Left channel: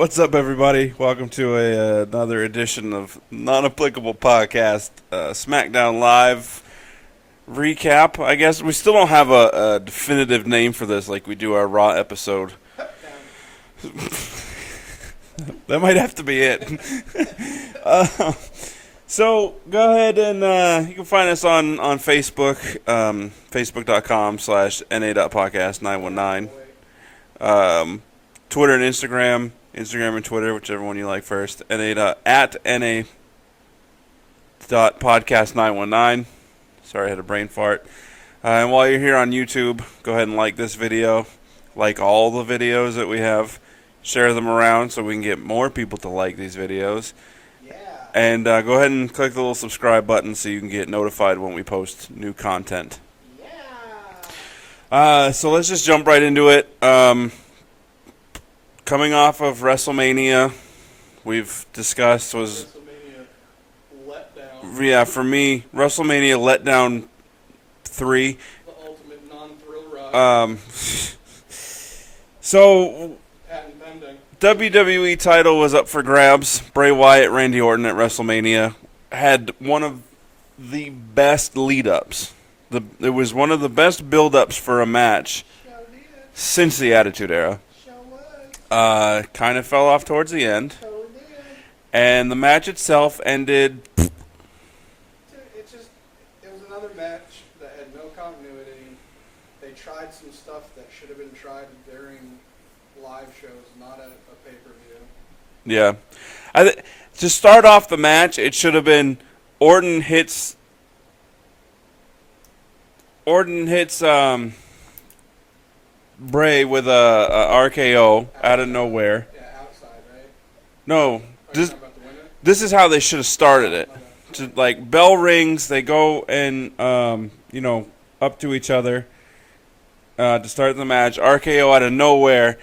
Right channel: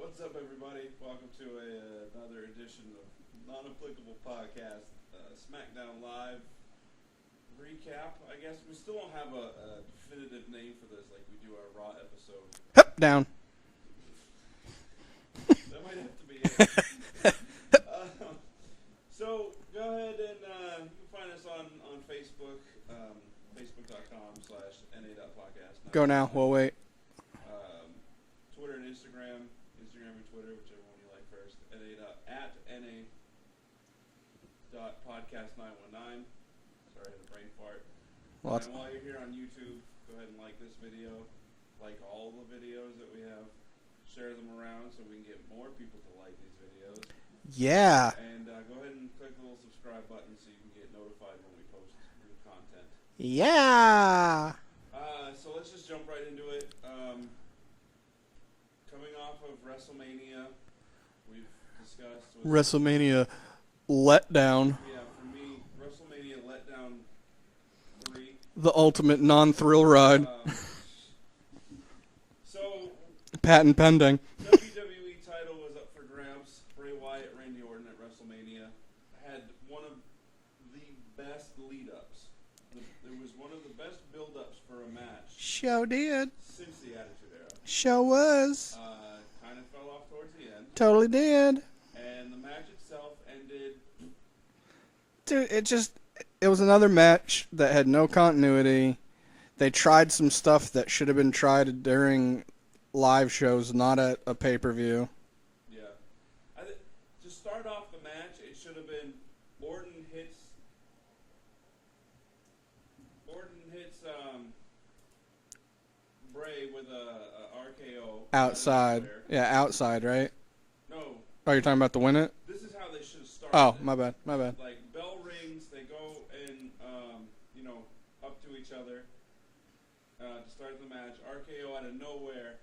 What's up, everybody? Welcome to another edition of Non-Applicable Podcast, Smackdown Live recap. I guess we still don't have a definitive name for this like we do our Raw episode. Hup, down. That might have to be it. So go ahead and you can find us on Facebook, facebook.com/na.podcast919. Wait. Twitter and Instagram and Twitter, whichever one you like first. at na.podcast919. Sorry, I had a brain fart. And while you're here on YouTube, go ahead and like this video, like all the videos that we have. Share them around so we can get more people to like these videos. Yeah. And go ahead and click the little subscribe button so you can get notified when we post new content. Yeah. So let's just jump right into it. Coming off of WrestleMania, we've discussed was WrestleMania letdown. Yeah, for me, WrestleMania letdown 3. The ultimate non-thrill ride. So Patent pending. WWE title was up for grabs. Bray Wyatt, Randy Orton at WrestleMania had one of the best lead-ups. It was one of the best build-ups for a match Show did. since the Attitude Era. Show was. Kind of fell off towards the end. Totally did. And the match itself ended. Dude, it was another match that had no continuity. They tried some stuff that should have been tried during live shows, not at a pay-per-view. Yeah. To start off the match, it should have been Orton hits Bray with a RKO out of nowhere. Yeah, outside, right? No. Are you talking about the win it? This is how they should have started it. My bad. Like, bell rings, they go and, up to each other to start the match. RKO out of nowhere.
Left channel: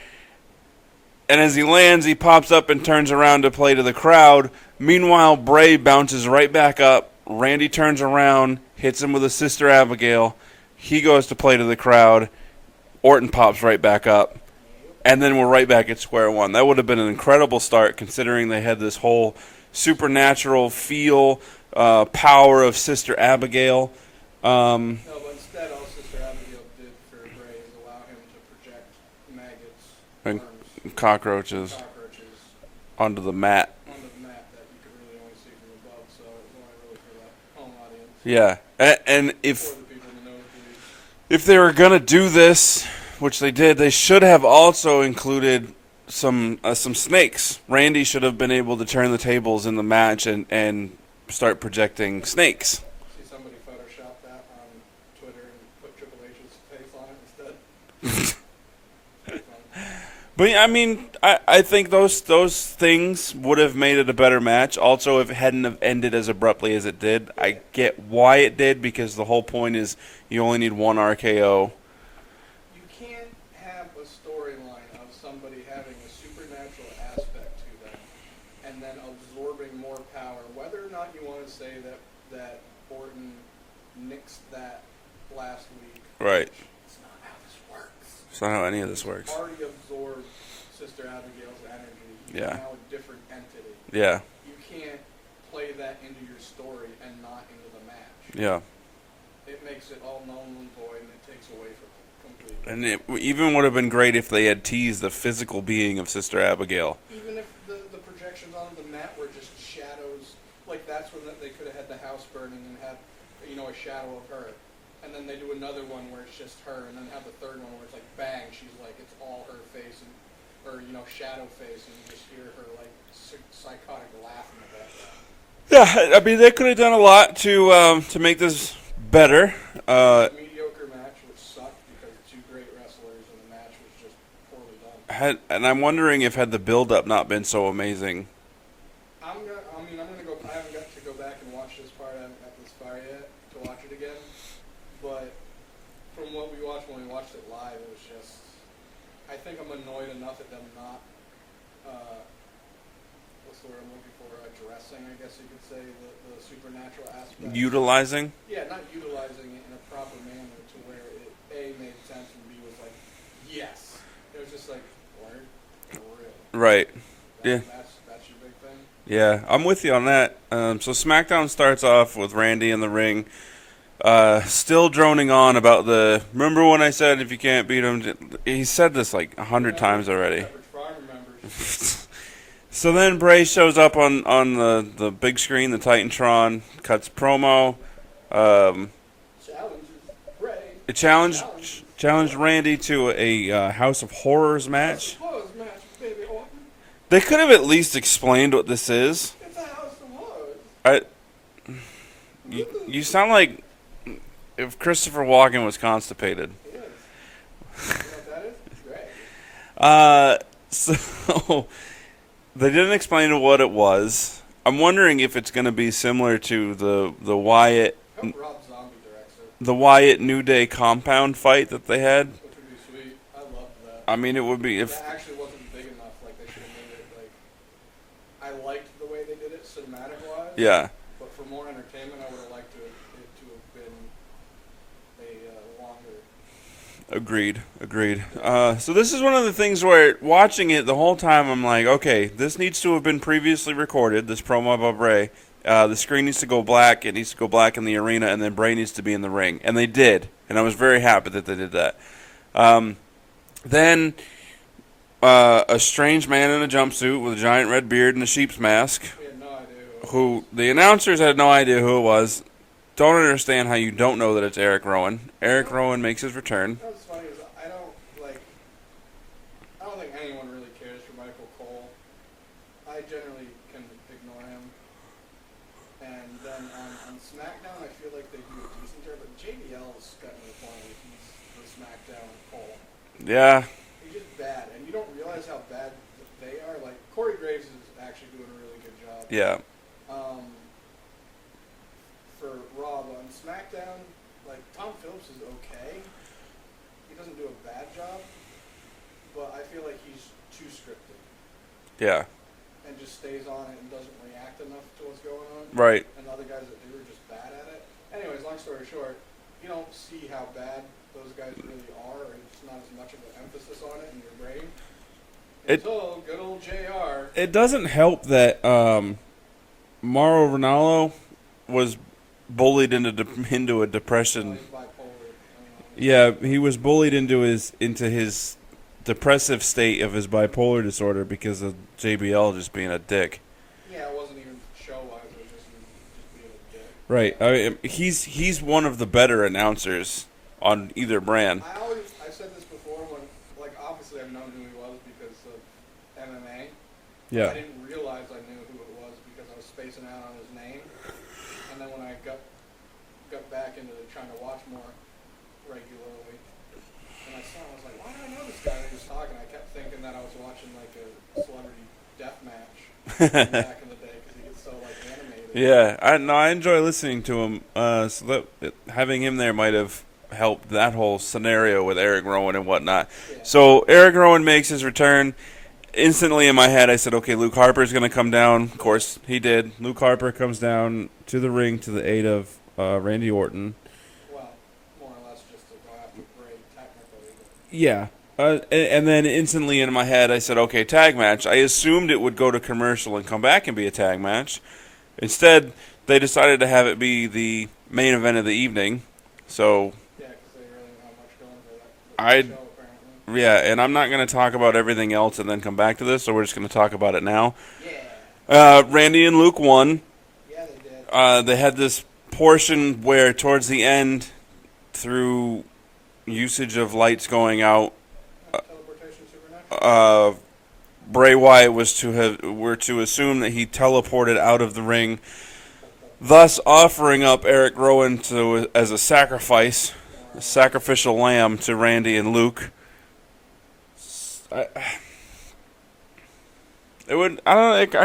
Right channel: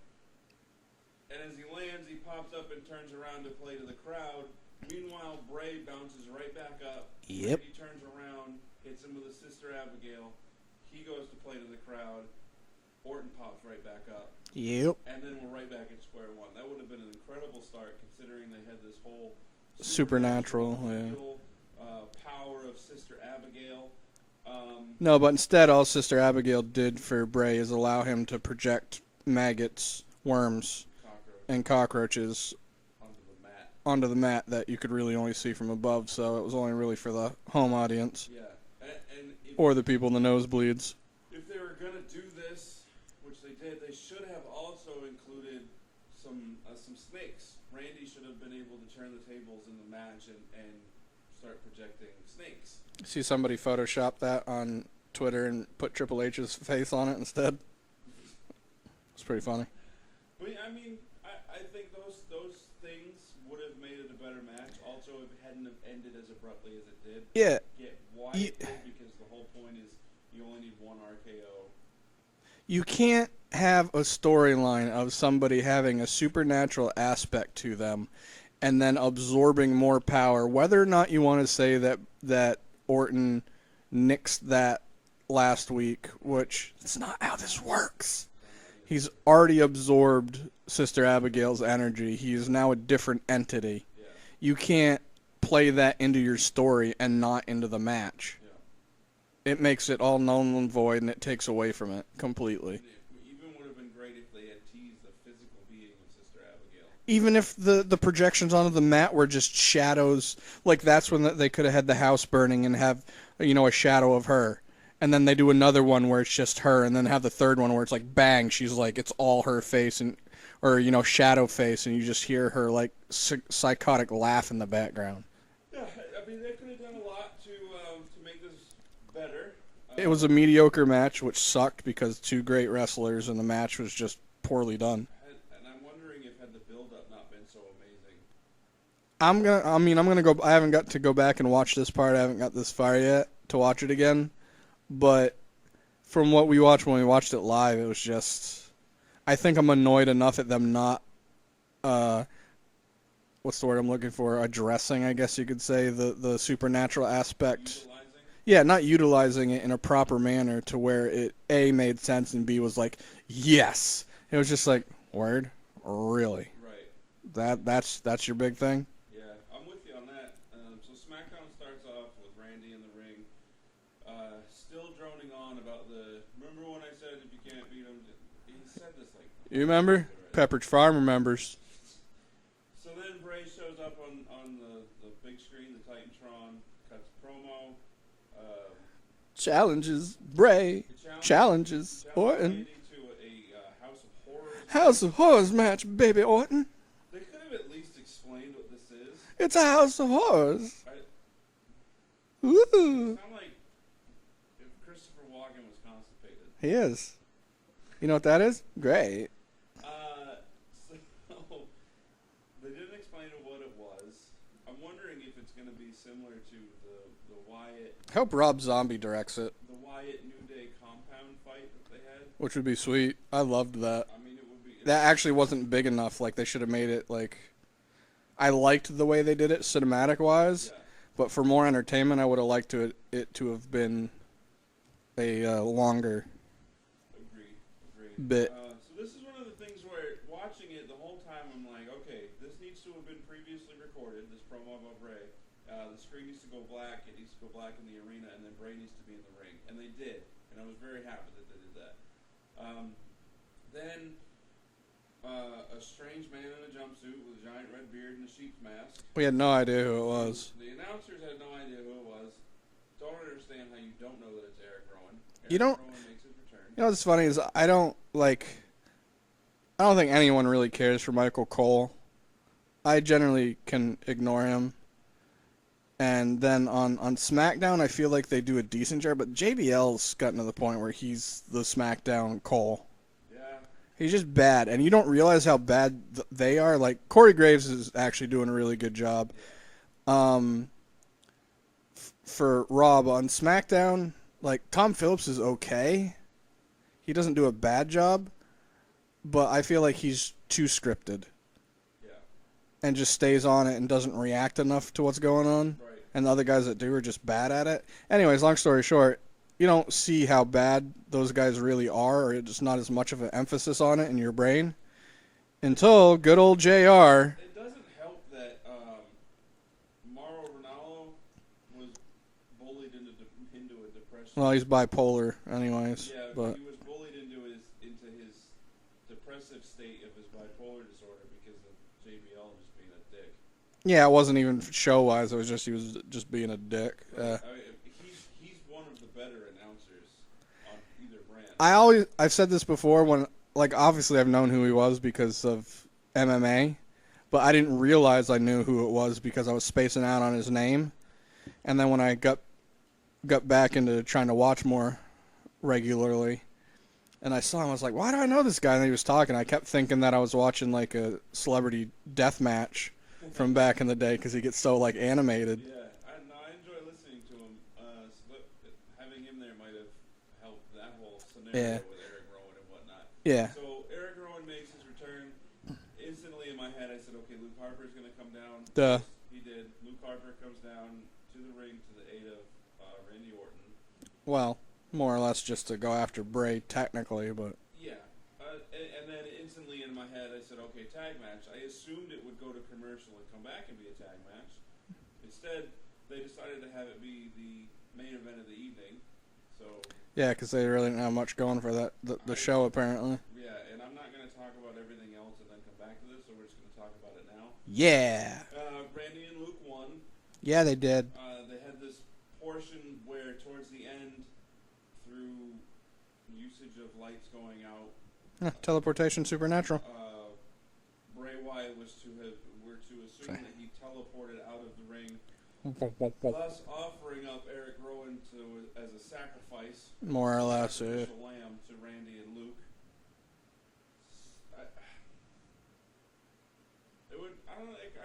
And as he lands, he pops up and turns around to play to the crowd. Meanwhile, Bray bounces right back up. Randy turns around, hits him with a Sister Abigail. He goes to play to the crowd. Orton pops right back up. Yep. And then we're right back at square one. That would have been an incredible start considering they had this whole supernatural feel, power of Sister Abigail. No, but instead all Sister Abigail did for Bray is allow him to project maggots, worms, and cockroaches onto the mat that you could really only see from above, so it was only really for the home audience. Yeah. And or the people in the nosebleeds. If they were going to do this, which they did, they should have also included some snakes. Randy should have been able to turn the tables in the match and start projecting snakes. See somebody Photoshop that on Twitter and put Triple H's face on it instead. It's pretty funny. But I mean, I think those things would have made it a better match. Also, if it hadn't have ended as abruptly as it did, yeah. I get why it did, because the whole point is you only need one RKO. You can't have a storyline of somebody having a supernatural aspect to them and then absorbing more power. Whether or not you want to say that Orton nixed that last week, right. Which it's not how this works. It's not how any of this works. He's already absorbed Sister Abigail's energy. He's now a different entity. Yeah. You can't play that into your story and not into the match. Yeah. It makes it all null and void, and it takes away from it completely. And it even would have been great if they had teased the physical being of Sister Abigail. Even if the projections onto the mat were just shadows, like that's when they could have had the house burning and have, a shadow of her. And then they do another one where it's just her, and then have the third one where it's like bang, she's like, it's all her face, or shadow face, and you just hear her like psychotic laugh in the background. Yeah, I mean, they could have done a lot to make this better. It was a mediocre match, which sucked because two great wrestlers, and the match was just poorly done. And I'm wondering if had the build-up not been so amazing. I'm gonna go. I haven't got to go back and watch this part. I haven't got this far yet to watch it again. But from what we watched when we watched it live, it was just. I think I'm annoyed enough at them not. What's the word I'm looking for? Addressing, I guess you could say, the supernatural aspect. Utilizing? Yeah, not utilizing it in a proper manner to where it A made sense and B was like, yes. It was just like, word? Really? Right. Yeah. That's your big thing. Yeah, I'm with you on that. So SmackDown starts off with Randy in the ring, still droning on about remember when I said if you can't beat him? He said this like 100 times already. Pepperidge Farm remembers. So then Bray shows up on the big screen, the Titantron, cuts promo. Challenges Bray. Challenged Orton. Randy to a House of Horrors match. House of Horrors match, baby Orton. They could have at least explained what this is. It's a House of Horrors. You sound like if Christopher Walken was constipated. He is. You know what that is? Great. So they didn't explain what it was. I'm wondering if it's going to be similar to the Wyatt. I hope Rob Zombie directs it. The Wyatt New Day compound fight that they had. Which would be sweet. I loved that. I mean, it would be if that actually wasn't big enough. Like they should have made it like. I liked the way they did it cinematic wise. Yeah. But for more entertainment, I would have liked it to have been a longer. Agreed. So this is one of the things where watching it the whole time, I'm like, okay, this needs to have been previously recorded. This promo about Bray. The screen needs to go black. It needs to go black in the arena, and then Bray needs to be in the ring. And they did, and I was very happy that they did that. Then a strange man in a jumpsuit with a giant red beard and a sheep's mask. We had no idea who it was. The announcers had no idea who it was. Don't understand how you don't know that it's Eric Rowan. Eric Rowan makes his return. You know what's funny is I don't think anyone really cares for Michael Cole. I generally can ignore him. And then on SmackDown, I feel like they do a decent job, but JBL's gotten to the point where he's the SmackDown Cole. Yeah. He's just bad, and you don't realize how bad they are. Like, Corey Graves is actually doing a really good job. Yeah. For Rob on SmackDown, like, Tom Phillips is okay. He doesn't do a bad job, but I feel like he's too scripted. Yeah. And just stays on it and doesn't react enough to what's going on. Right. And the other guys that do are just bad at it. Anyways, long story short, you don't see how bad those guys really are, or it's not as much of an emphasis on it in your brain until good old JR. It doesn't help that Mauro Ranallo was bullied into a depression. Well, he's bipolar anyways. Yeah, he was bullied into his depressive state of his bipolar disorder because of JBL just being a dick. Yeah, it wasn't even show-wise. It was just he was just being a dick. Right. Yeah. I mean, he's one of the better announcers on either brand. I've said this before when, like, obviously I've known who he was because of MMA, but Yeah. I didn't realize I knew who it was because I was spacing out on his name. And then when I got back into trying to watch more regularly, and I saw him, I was like, why do I know this guy? And he was talking. I kept thinking that I was watching, like, a celebrity death match from back in the day because he gets so, like, animated. Yeah, I enjoy listening to him. So having him there might have helped that whole scenario with Eric Rowan and whatnot. Yeah. So Eric Rowan makes his return. Instantly in my head, I said, okay, Luke Harper's going to come down. Of course, he did. Luke Harper comes down to the ring to the aid of Randy Orton. Well, more or less just to go after Bray, technically, but... Yeah. And then instantly in my head, I said, okay, tag match. I assumed it would go to commercial and come back and be a tag match. Instead, they decided to have it be the main event of the evening. So... Yeah, because they really didn't have much going for the show, apparently. Yeah, and I'm not going to talk about everything else and then come back to this, so we're just going to talk about it now. Yeah. Randy and Luke won. Yeah, they did. They had this portion where towards the end, through usage of lights going out, teleportation supernatural. Bray Wyatt were to assume that he teleported out of the ring, thus offering up Eric Rowan as a sacrifice, more or less, sacrificial lamb to Randy and Luke. I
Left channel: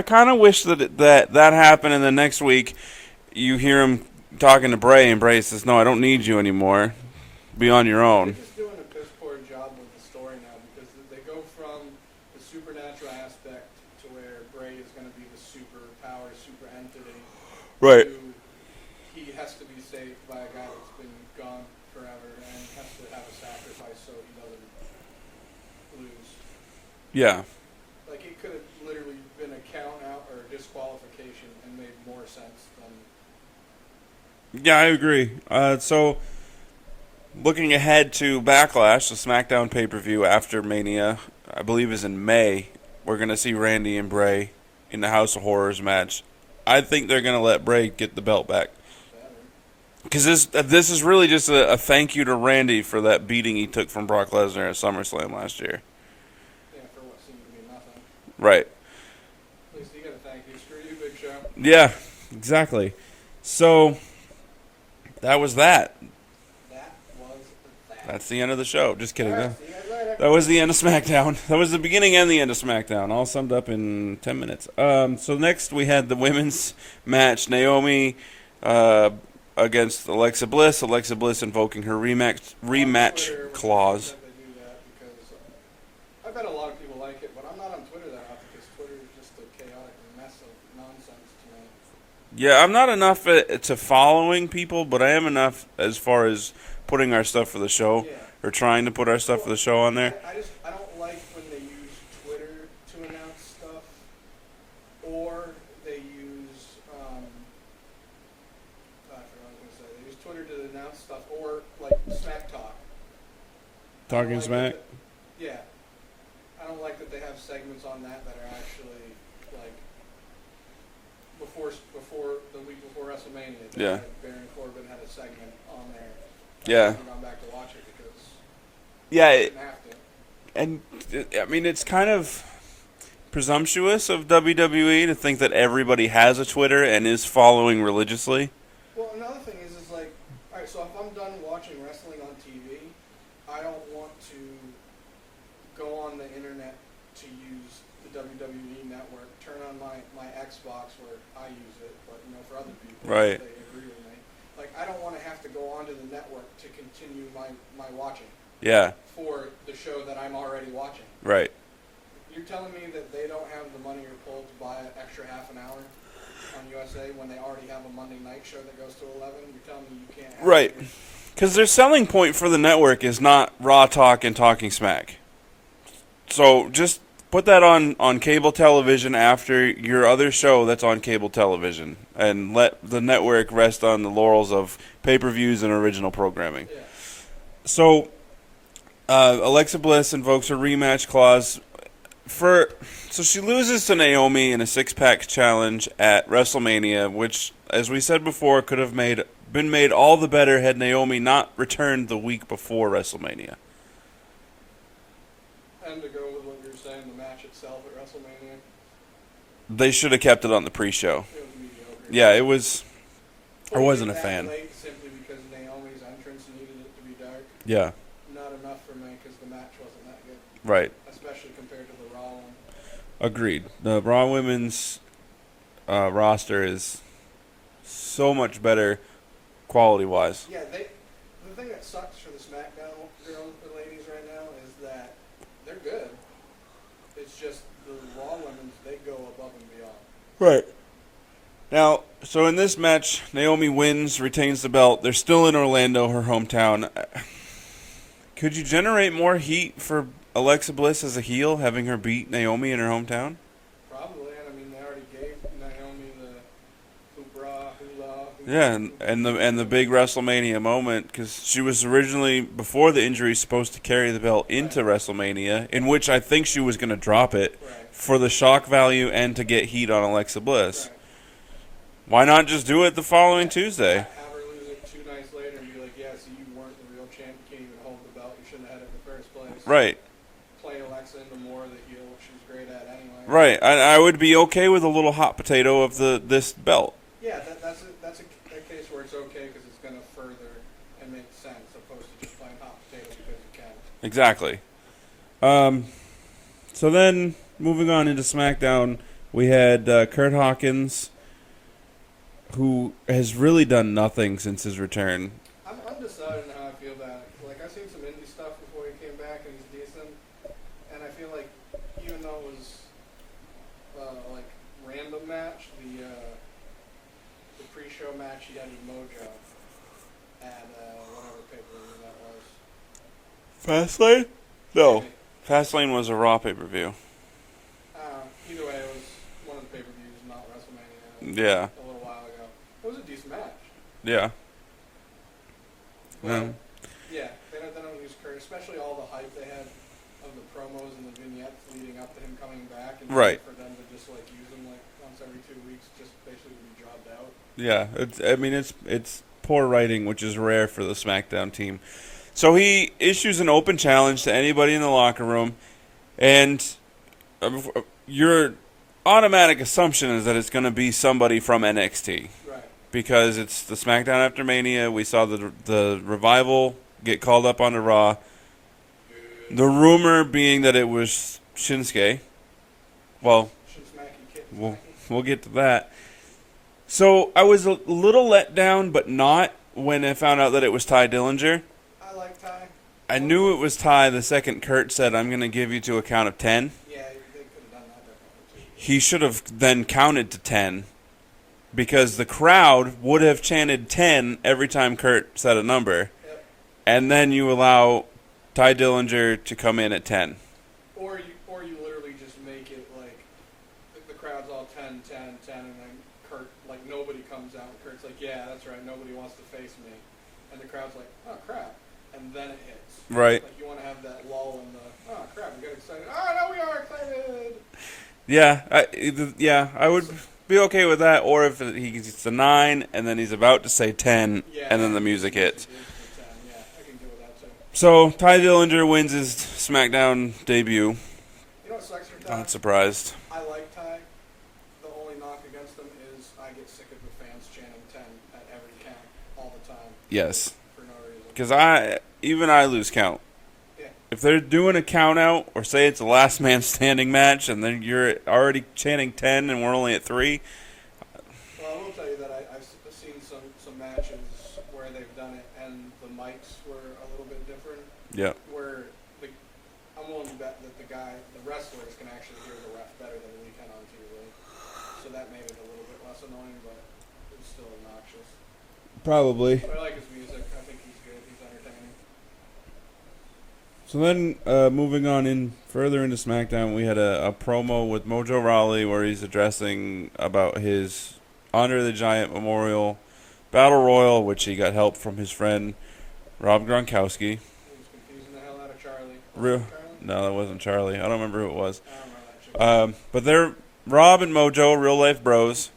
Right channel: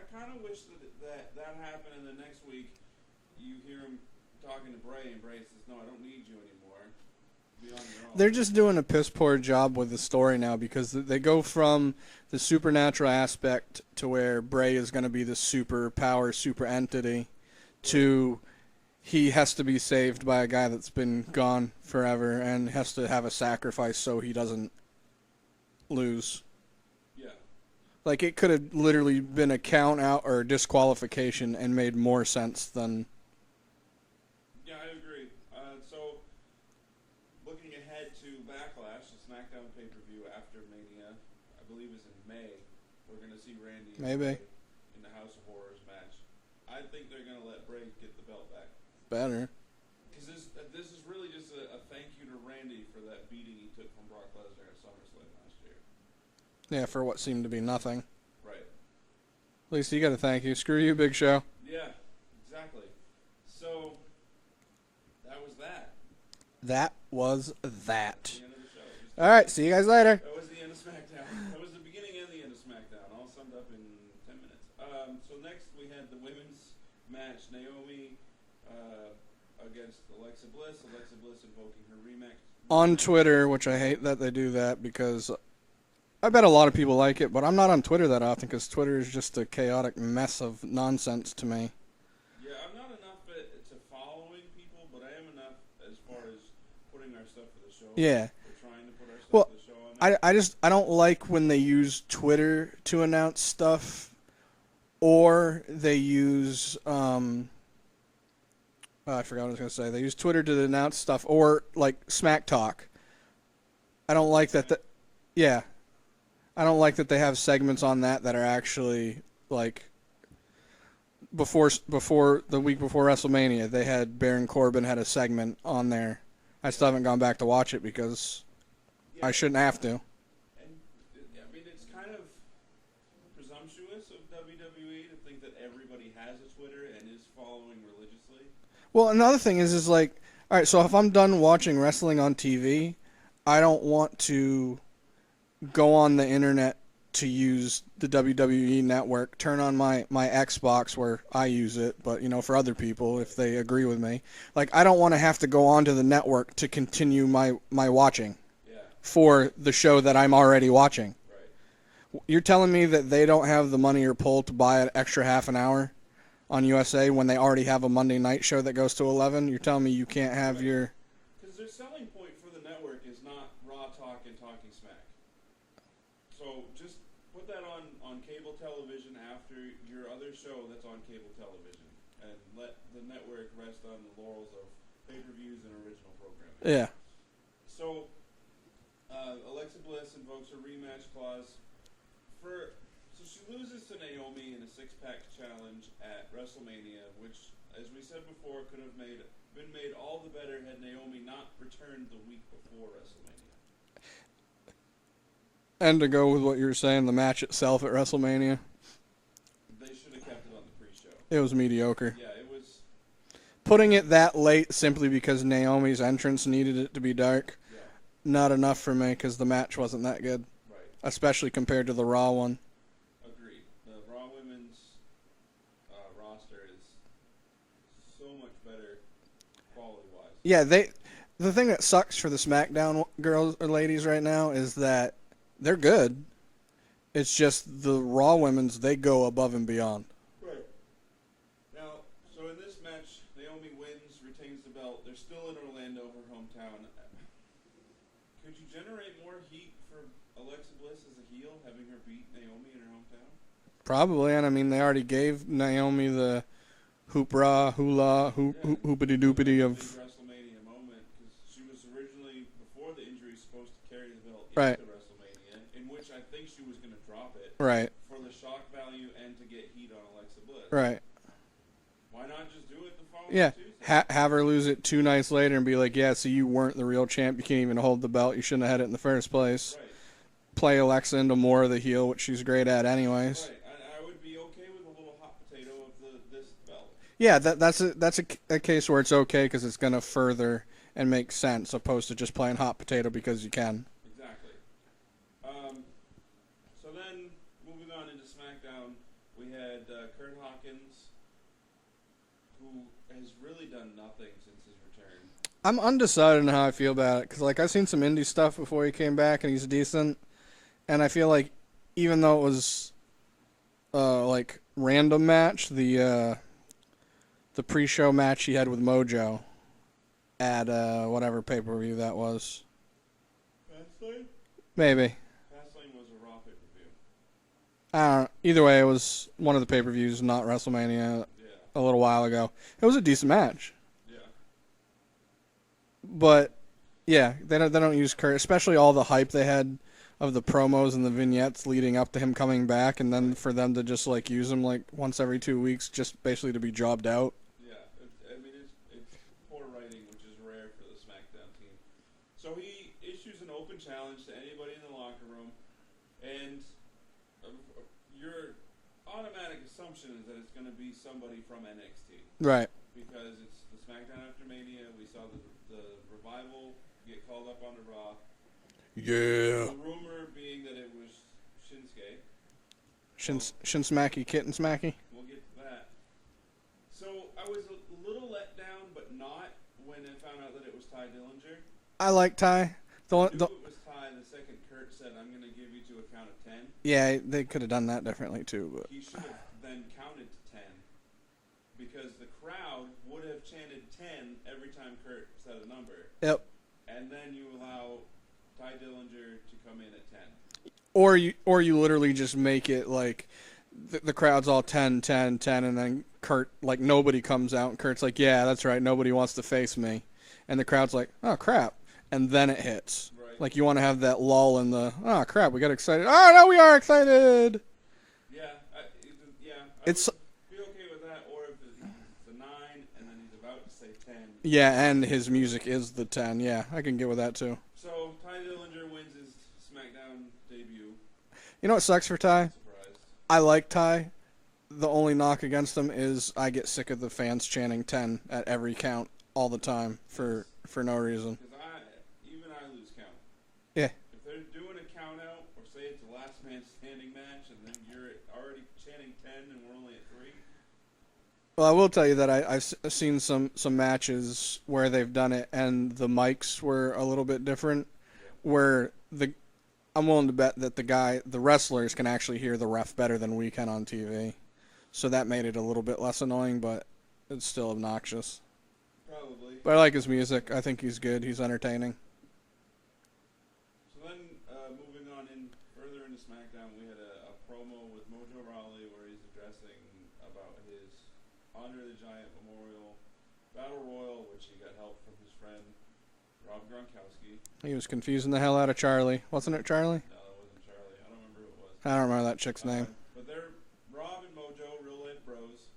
kind of wish that happened, and the next week you hear him talking to Bray, and Bray says, "No, I don't need you anymore. Be on your own." They're just doing a piss poor job with the story now because they go from the supernatural aspect to where Bray is going to be the super power, super entity, right? To he has to be saved by a guy that's been gone forever and has to have a sacrifice so he doesn't lose. Yeah. Like, it could have literally been a count out or disqualification and made more sense than... Yeah, I agree. So, looking ahead to Backlash, the SmackDown pay-per-view after Mania, I believe is in May, we're going to see Randy and Bray in the House of Horrors match. I think they're going to let Bray get the belt back. Better. Because this is really just a thank you to Randy for that beating he took from Brock Lesnar at SummerSlam last year. Yeah, for what seemed to be nothing. Right. At least you got to thank you. Screw you, Big Show. Yeah, exactly. So, that was that. That was that. That's the end of the show. Just kidding. All right, see you guys later. That was the end of SmackDown. That was the beginning and the end of SmackDown, all summed up in 10 minutes. So next we had the women's match. Naomi against Alexa Bliss. Alexa Bliss invoking her rematch on Twitter, which clause. I hate that they do that because I bet a lot of people like it, but I'm not on Twitter that often because Twitter is just a chaotic mess of nonsense to me. Yeah, I'm not enough to following people, but I am enough as far as putting our stuff for the show. Yeah. Or trying to put our stuff for the show on there. I don't like when they use Twitter to announce stuff, or they use I forgot what I was gonna say. They use Twitter to announce stuff, or like Smack Talk. I don't like that. Yeah, I don't like that they have segments on that are actually like. Before the week before WrestleMania, they had Baron Corbin had a segment on there. I still haven't gone back to watch it because I shouldn't have to. And I mean, it's kind of presumptuous of WWE to think that everybody has a Twitter and is following religiously. Well, another thing is like, all right, so if I'm done watching wrestling on TV, I don't want to go on the internet to use the WWE network, turn on my Xbox where I use it, but for other people if they agree with me. Like, I don't want to have to go onto the network to continue my watching. Yeah. For the show that I'm already watching. Right. You're telling me that they don't have the money or pull to buy an extra half an hour on USA when they already have a Monday night show that goes to 11? You're telling me you can't have your... Because their selling point for the network is not Raw Talk and Talking Smack. So just put that on cable television after your other show that's on cable television, and let the network rest on the laurels of pay-per-views and original programming. Yeah. So Alexa Bliss invokes a rematch clause so she loses to Naomi in a six-pack challenge at WrestleMania, which, as we said before, could have been made all the better had Naomi not returned the week before WrestleMania. And to go with what you were saying, the match itself at WrestleMania. They should have kept it on the pre-show. It was mediocre. Yeah, it was. Putting it that late simply because Naomi's entrance needed it to be dark. Yeah. Not enough for me because the match wasn't that good. Right. Especially compared to the Raw one. Agreed. The Raw Women's roster is so much better quality-wise. Yeah, the thing that sucks for the SmackDown girls or ladies right now is that they're good. It's just the Raw Women's, they go above and beyond. Right. Now, so in this match, Naomi wins, retains the belt. They're still in Orlando, her hometown. Could you generate more heat for Alexa Bliss as a heel, having her beat Naomi in her hometown? Probably, and I mean, they already gave Naomi the hoopra, hula, and the big WrestleMania moment, because she was originally, before the injury, supposed to carry the belt into WrestleMania, in which I think she was going to drop it for the shock value and to get heat on Alexa Bliss. Right. Why not just do it the following Tuesday? Have her lose it 2 nights later and be like, yeah, so you weren't the real champ. You can't even hold the belt. You shouldn't have had it in the first place. Right. Play Alexa into more of the heel, which she's great at anyway. Right. I would be okay with a little hot potato of this belt. Yeah, that's a case where it's okay because it's going to further and make sense, opposed to just playing hot potato because you can. Exactly. So then, moving on into SmackDown, we had Kurt Hawkins, who has really done nothing since his return. I'm undecided on how I feel about it because, like, I've seen some indie stuff before he came back, and he's decent. And I feel like, even though it was, like, random match, the pre-show match he had with Mojo at whatever pay-per-view that was. Fastlane? No. Maybe. Fastlane was a Raw pay-per-view. Either way, it was one of the pay-per-views, not WrestleMania, Yeah. a little while ago. It was a decent match. Yeah. But, yeah, they don't use Kurt, especially all the hype they had of the promos and the vignettes leading up to him coming back, and then Right. for them to just, like, use him, like, once every 2 weeks just basically to be jobbed out. Yeah. It's poor writing, which is rare for the SmackDown team. So he issues an open challenge to anybody in the locker room, and your automatic assumption is that it's going to be somebody from NXT. Right. Because it's the SmackDown after Mania. We saw the Revival get called up onto Raw. Yeah. The rumor being that it was Shinsuke. Well, Shinsmacky, Kitten Smacky. we'll get to that. So I was a little let down, but not when I found out that it was Ty Dillinger. I like Ty. I knew it was Ty the second Kurt said, "I'm going to give you to a count of 10." Yeah, they could have done that differently too. But. He should have then counted to 10 because the crowd would have chanted 10 every time Kurt said a number. Yep. And then you allow Ty Dillinger to come in at 10. Or you literally just make it like the crowd's all 10, 10, 10, and then Kurt, like, nobody comes out, and Kurt's like, yeah, that's right, nobody wants to face me. And the crowd's like, oh, crap. And then it hits. Right. Like, you want to have that lull in the, oh, crap, we got excited. Oh, no, we are excited. Yeah, I would be okay with that. Or if he's the 9, and then he's about to say 10, yeah, and then the his music music hits. is the 10. Yeah, I can get with that, too. So, Ty Dillinger wins his SmackDown debut. You know what sucks for Ty? I'm surprised. I like Ty. The only knock against him is I get sick of the fans chanting 10 at every count all the time. Yes. For no reason. Because I lose count. Yeah. If they're doing a count out, or say it's a last man standing match, and then you're already chanting 10 and we're only at 3. Well, I will tell you that I've seen some matches where they've done it, and the mics were a little bit different. Yeah. Where I'm willing to bet that the wrestlers can actually hear the ref better than we can on TV. So that made it a little bit less annoying, but it's still obnoxious. Probably. But I like his music. I think he's good. He's entertaining. So then, moving on in further into SmackDown, we had a promo with Mojo Rawley where he's addressing about his Andre the Giant Memorial Battle Royal, which he got help from his friend Rob Gronkowski. He was confusing the hell out of Charlie. Was it Charlie? No, that wasn't Charlie. I don't remember who it was. I don't remember that chick's name. But they're Rob and Mojo, real life bros.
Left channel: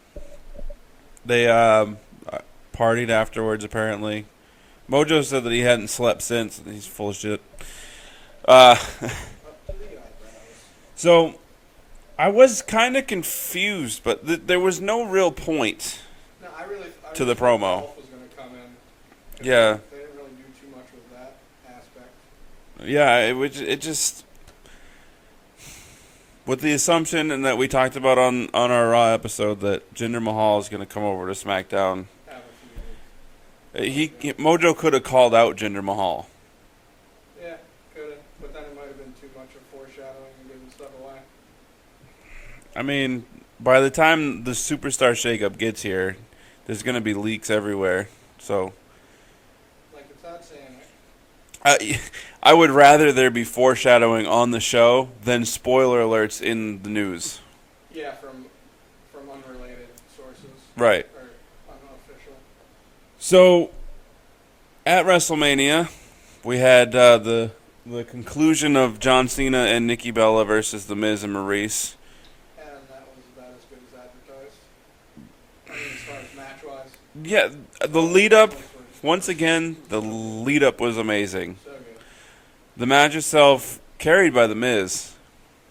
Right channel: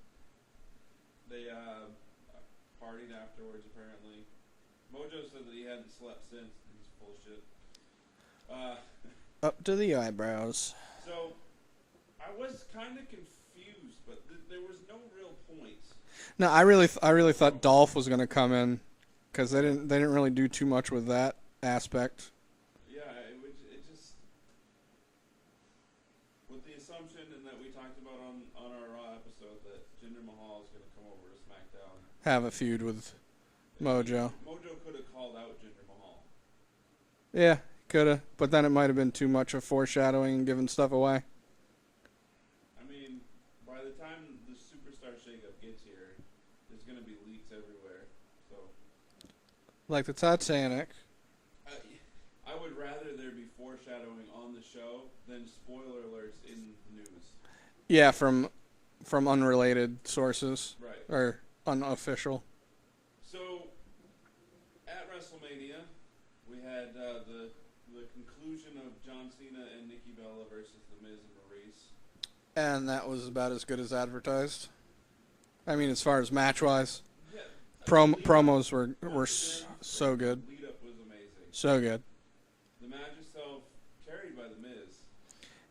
They partied afterwards, apparently. Mojo said that he hadn't slept since. He's full of shit. Up to the eyebrows. So, I was kind of confused, but there was no real point. No, I really thought promo. Dolph was going to come in because they didn't really do too much with that aspect. Yeah, it just with the assumption and that we talked about on our Raw episode that Jinder Mahal is going to come over to SmackDown. Have a feud with Mojo. Mojo could have called out Jinder Mahal. Yeah, could have, but then it might have been too much of foreshadowing and giving stuff away. I mean, by the time the Superstar Shakeup gets here, there's going to be leaks everywhere. So, like the Titanic. I would rather there be foreshadowing on the show than spoiler alerts in the news. Yeah, from unrelated sources. Right. Or unofficial. So, at WrestleMania, we had the conclusion of John Cena and Nikki Bella versus The Miz and Maurice. And that was about as good as advertised. I mean, as far as match-wise. Yeah, the lead-up, were once again, the so good. lead-up was amazing. So good. The match itself, carried by The Miz.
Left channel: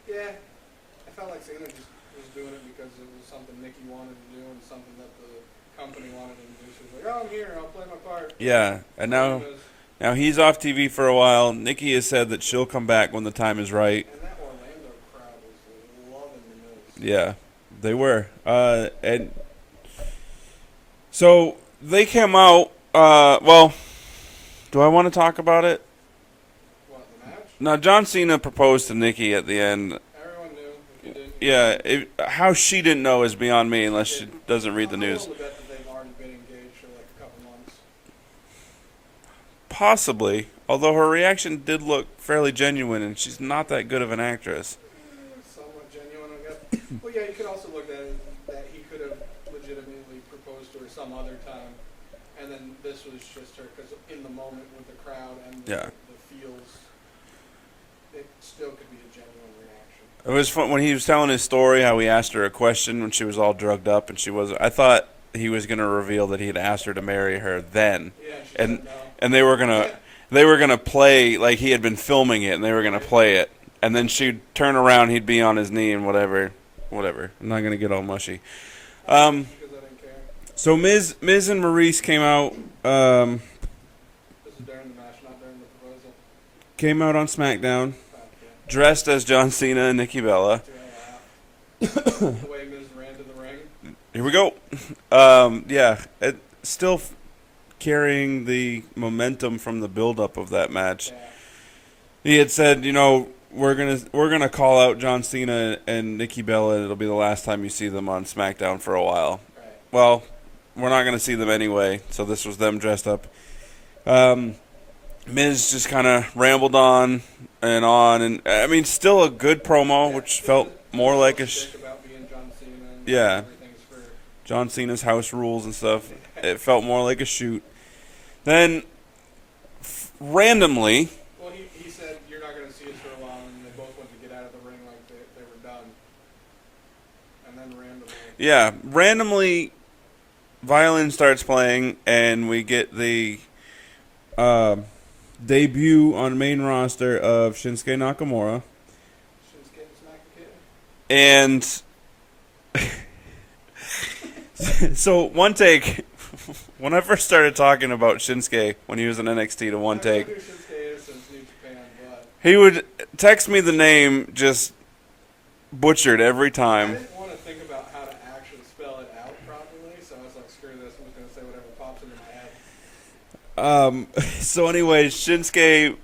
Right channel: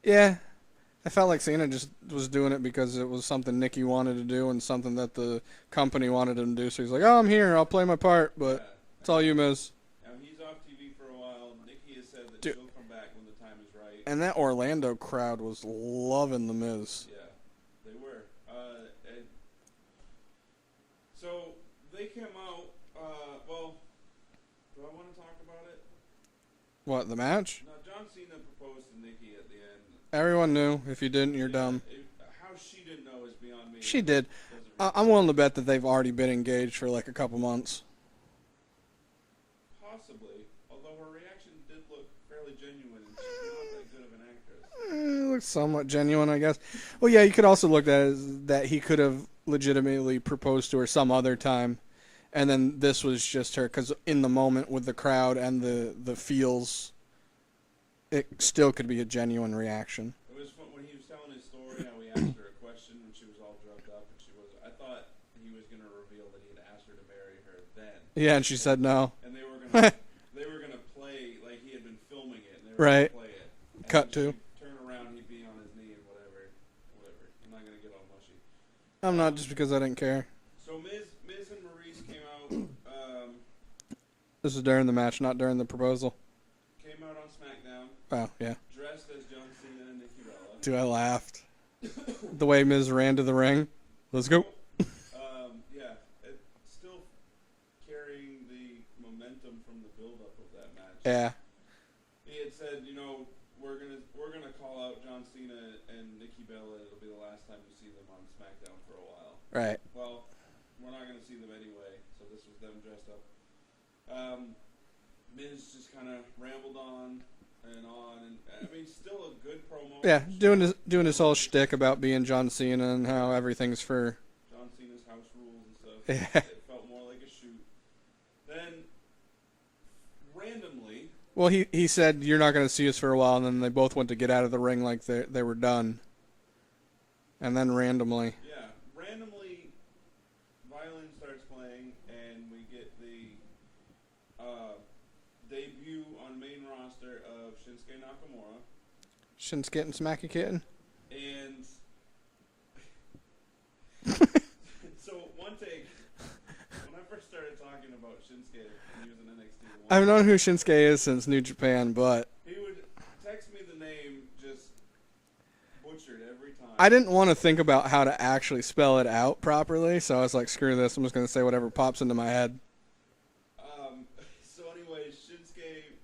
Yeah. I felt like Cena just was doing it because it was something Nikki wanted to do and something that the company wanted him to do. So he's like, oh, I'm here. I'll play my part. But yeah. And now he's off TV for a while. Nikki has said that she'll come back when the time is right. And that Orlando crowd was loving The Miz. Yeah, they were. And so they came out. Well, do I want to talk about it? What, the match? Now, John Cena proposed to Nikki at the end. Everyone knew. If you didn't, how she didn't know is beyond me unless did. she doesn't read the I'm news. willing to bet that they've already been engaged for like a couple months. Possibly, although her reaction did look fairly genuine, and she's not that good of an actress. looked somewhat genuine, I guess. Well, yeah, you could also look at it as that he could have legitimately proposed to her some other time, and then this was just her, because in the moment with the crowd and the feels, it still could be a genuine reaction. It was fun when he was telling his story, how he asked her a question when she was all drugged up, and she wasn't. I thought he was going to reveal that he had asked her to marry her then. Yeah, and she said no. And they were gonna play, like he had been filming it, and they were gonna play it, and then she'd turn around, he'd be on his knee and whatever. I'm not gonna get all mushy. Just because I didn't care. So Miz and Maurice came out. This is during the match, not during the proposal. Came out on SmackDown. Oh, yeah. Dressed as John Cena and Nikki Bella. Dude, I laughed. The way Miz ran to the ring. Here we go. Yeah, still carrying the momentum from the build-up of that match. Yeah. He had said, we're gonna call out John Cena and Nikki Bella, and it'll be the last time you see them on SmackDown for a while. Right. Well, we're not gonna see them anyway, so this was them dressed up. Miz just kind of rambled on, and I mean, still a good promo, which felt more like a shtick about being John Cena and how everything's for John Cena's house rules and stuff. It felt more like a shoot. Then, randomly, well, he said you're not going to see us for a while, and then they both went to get out of the ring like they were done. And then randomly, violin starts playing, and we get the debut on main roster of Shinsuke Nakamura. Shinsuke and Smacky Kitten. And so one take, when I first started talking about Shinsuke when he was in NXT to one I've take. known who Shinsuke is since New Japan, but he would text me the name just butchered every time. I didn't want to think about how to actually spell it out properly, so I was like, screw this, I'm just going to say whatever pops into my head. So anyway, Shinsuke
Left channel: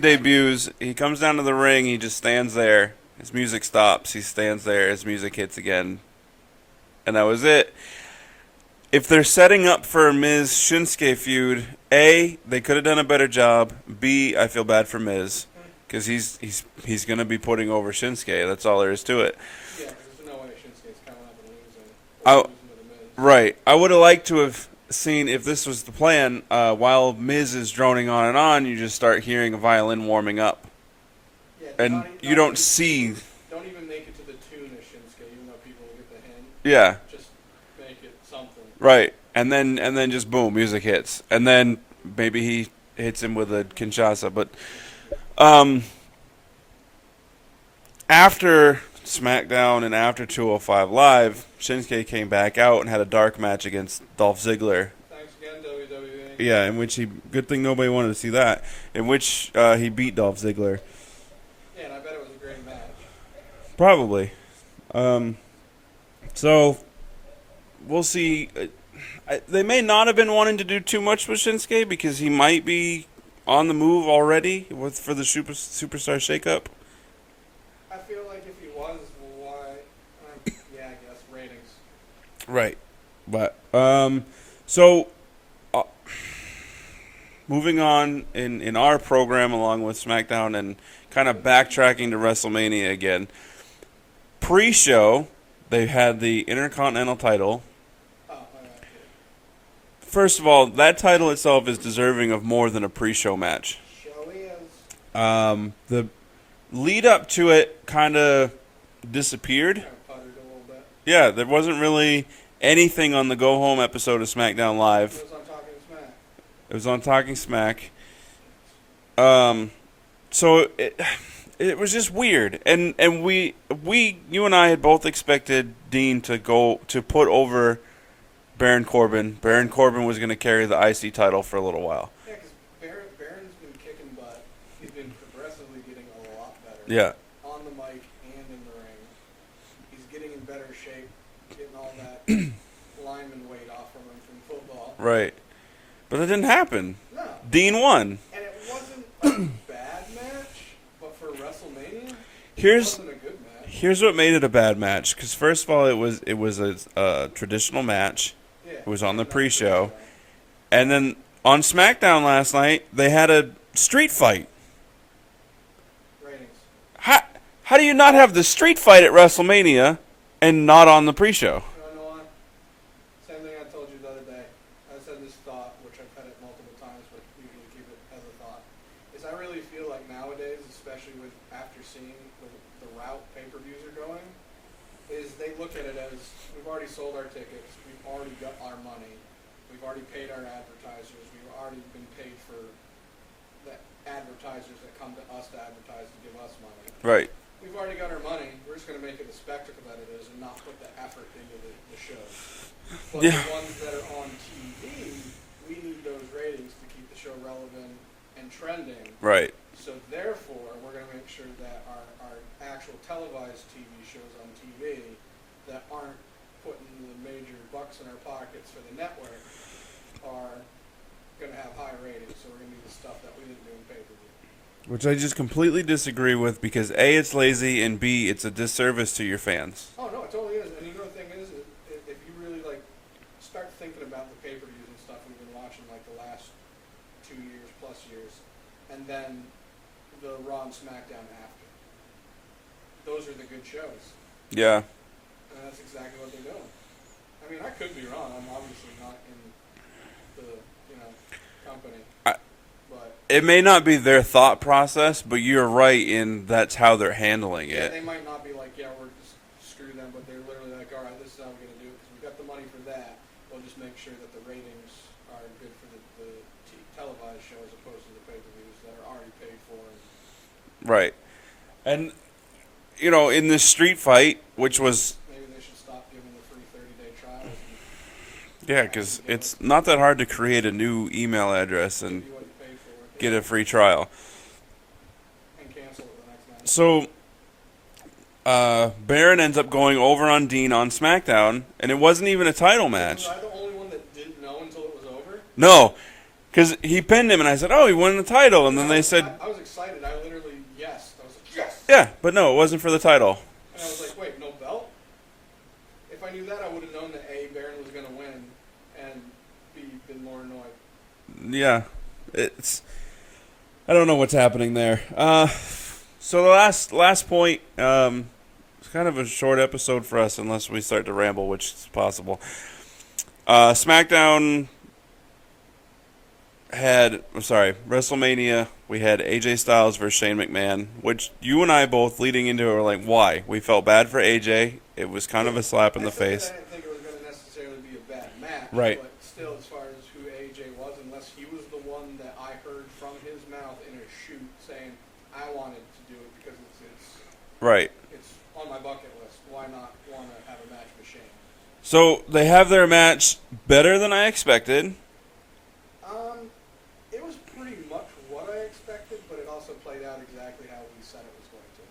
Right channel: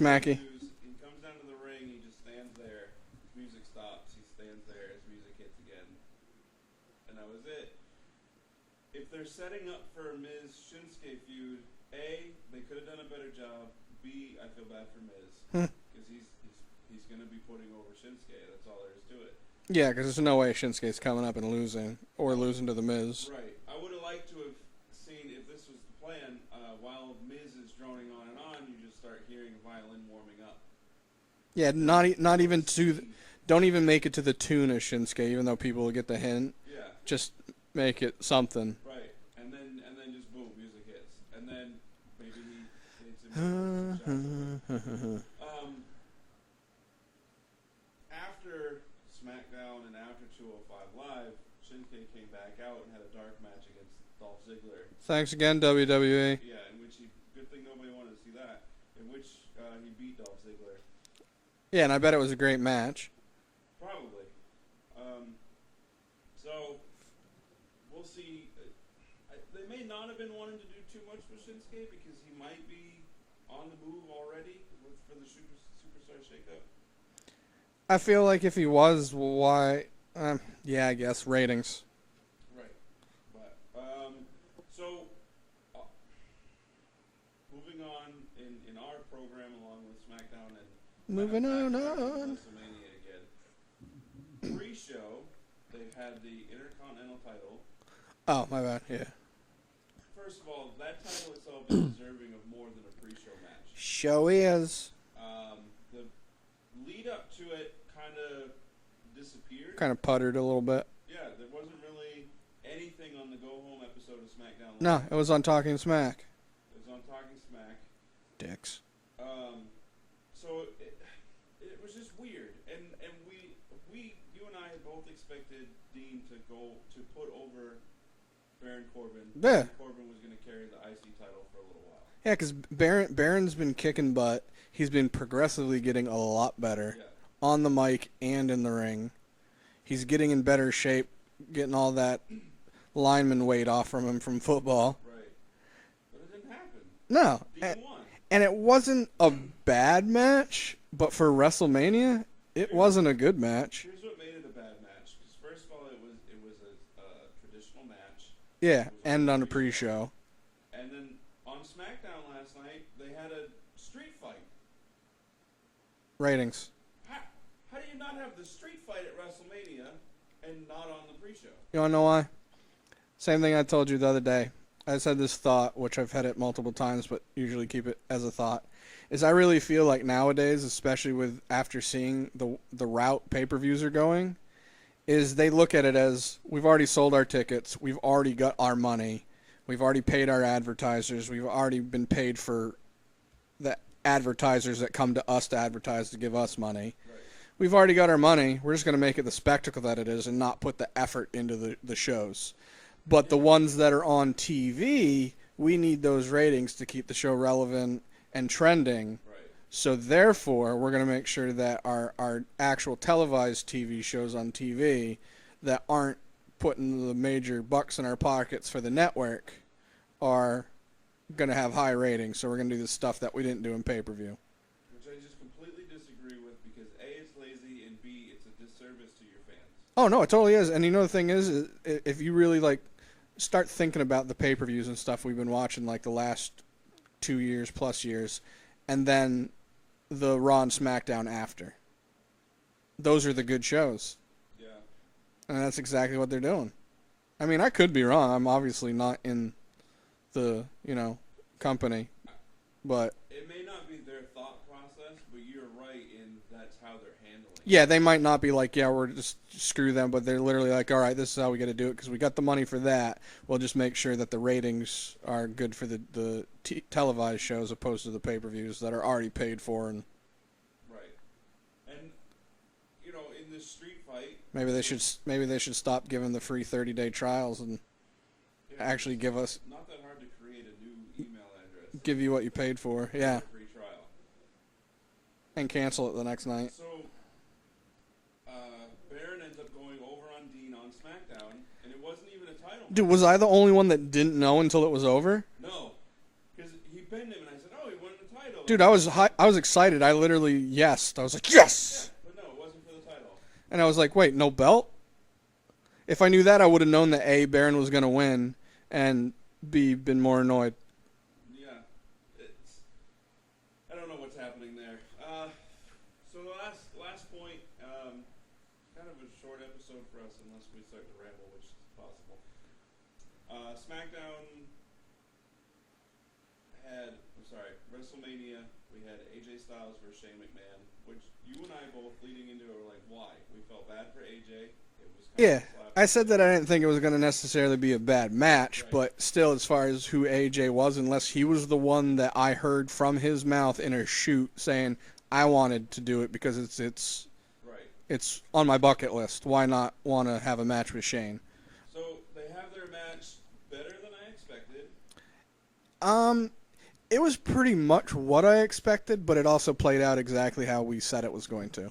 debuts. He comes down to the ring. He just stands there. His music stops. He stands there. His music hits again. And that was it. If they're setting up for a Miz-Shinsuke feud, A, they could have done a better job. B, I feel bad for Miz. Because he's going to be putting over Shinsuke. That's all there is to it. Yeah, because there's no way Shinsuke's coming up and losing. Or losing to the Miz. Right. I would have liked to have seen, if this was the plan, while Miz is droning on, you just start hearing a violin warming up. Yeah, and you don't see. Don't even make it to the tune of Shinsuke, even though people will get the hint. Yeah. Just make it something. Right, and then just boom, music hits, and then maybe he hits him with a Kinshasa. But after SmackDown and after 205 Live, Shinsuke came back out and had a dark match against Dolph Ziggler. Thanks again, WWE. Yeah, in which good thing nobody wanted to see that, in which he beat Dolph Ziggler. Yeah, and I bet it was a great match. Probably. So, we'll see. They may not have been wanting to do too much with Shinsuke because he might be on the move already for the Superstar Shakeup. I feel like if he was, why? Yeah, I guess ratings. Right, but so moving on in our program along with SmackDown and kind of backtracking to WrestleMania again. Pre-show, they had the Intercontinental title. Oh, my bad. Yeah. First of all, that title itself is deserving of more than a pre-show match. Show is. The lead up to it kind of disappeared. Kind of puttered a little bit. Yeah, there wasn't really anything on the Go Home episode of SmackDown Live. No, it was on Talking Smack. It was on Talking Smack. Dicks. So it was just weird, and you and I had both expected Dean to put over Baron Corbin. Yeah. Baron Corbin was going to carry the IC title for a little while. Yeah, because Baron's been kicking butt. He's been progressively getting a lot better. Yeah. On the mic and in the ring. He's getting in better shape, getting all that lineman weight off from him from football. Right. But it didn't happen. No. Dean won. And it wasn't a bad match, but for WrestleMania, it wasn't a good match. Here's what made it a bad match. Because first of all, it was a traditional match. Yeah. It was on the pre-show. And then on SmackDown last night, they had a street fight. Ratings. How do you not have the street fight at WrestleMania and not on the pre-show? You want to know why? Same thing I told you the other day. I just had this thought, which I've had it multiple times, but usually keep it as a thought. Is I really feel like nowadays, especially with after seeing the route pay-per-views are going, is they look at it as we've already sold our tickets, we've already got our money, we've already paid our advertisers, we've already been paid for the advertisers that come to us to advertise to give us money. Right. We've already got our money. We're just going to make it the spectacle that it is and not put the effort into the shows. But the ones that are on TV, we need those ratings to keep the show relevant and trending. Right. So therefore, we're going to make sure that our actual televised TV shows on TV that aren't putting the major bucks in our pockets for the network are going to have high ratings. So we're going to do the stuff that we didn't do in pay-per-view. Which I just completely disagree with because A, it's lazy, and B, it's a disservice to your fans. Oh, no, it totally is. And you know the thing is if you really, start thinking about the pay-per-views and stuff we've been watching, the last 2 years, plus years, and then the Raw and SmackDown after. Those are the good shows. Yeah. And that's exactly what they're doing. I mean, I could be wrong. I'm obviously not in the, company. But it may not be their thought process, but you're right in that's how they're handling it. Yeah, they might not be we're just screw them, but they're literally all right, this is how we got to do it because we got the money for that. We'll just make sure that the ratings are good for the televised shows opposed to the pay-per-views that are already paid for. And right. And, in this street fight, maybe they should stop giving the free 30-day trials and yeah, because it's not that hard to create a new email address and give you what you paid for. Yeah. Get a free trial. And cancel it the next night. So, Baron ends up going over on Dean on SmackDown, and it wasn't even a title match. Dude, was I the only one that didn't know until it was over? No, because he pinned him, and I said, "Oh, he won the title." And Dude, then they said, "I was excited. I literally yesed. I was like, yes." Yeah, but no, it wasn't for the title. And I was like, "Wait, no belt?" If I knew that, I would have known that A, Baron was going to win, and B, been more annoyed. Yeah, I don't know what's happening there. So the last point, it's kind of a short episode for us unless we start to ramble, which is possible. SmackDown WrestleMania, we had AJ Styles versus Shane McMahon, which you and I both leading into it were like, why? We felt bad for AJ. It was kind of a slap in the face. I said that I didn't think it was going to necessarily be a bad match, right. But still, as far as who AJ was, unless he was the one that I heard from his mouth in a shoot saying, I wanted to do it because it's right. It's on my bucket list. Why not want to have a match with Shane? So they have their match better than I expected. It was pretty much what I expected, but it also played out exactly how we said it was going to.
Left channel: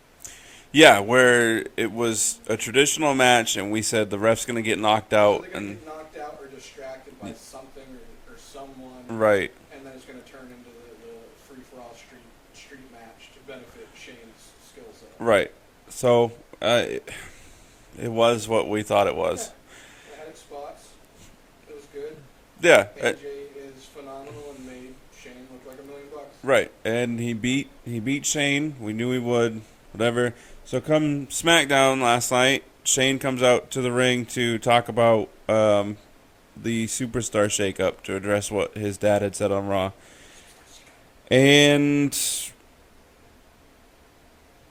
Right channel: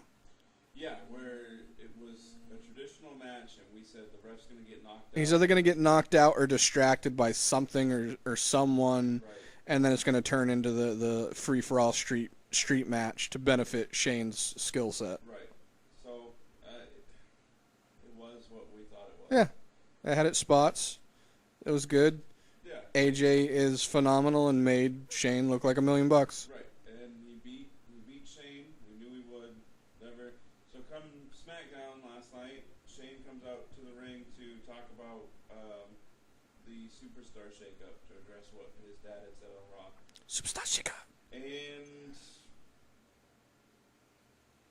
Yeah, where it was a traditional match, and we said the ref's going to get knocked out. So they're going to get knocked out or distracted by something or someone. Right. And then it's going to turn into the free-for-all street match to benefit Shane's skill set. Right. So it was what we thought it was. Yeah. It had its spots. It was good. Yeah. AJ is phenomenal and made Shane look like $1 million. Right. And he beat Shane. We knew he would. Whatever. So come SmackDown last night, Shane comes out to the ring to talk about the Superstar Shakeup, to address what his dad had said on Raw. Superstar Shakeup. And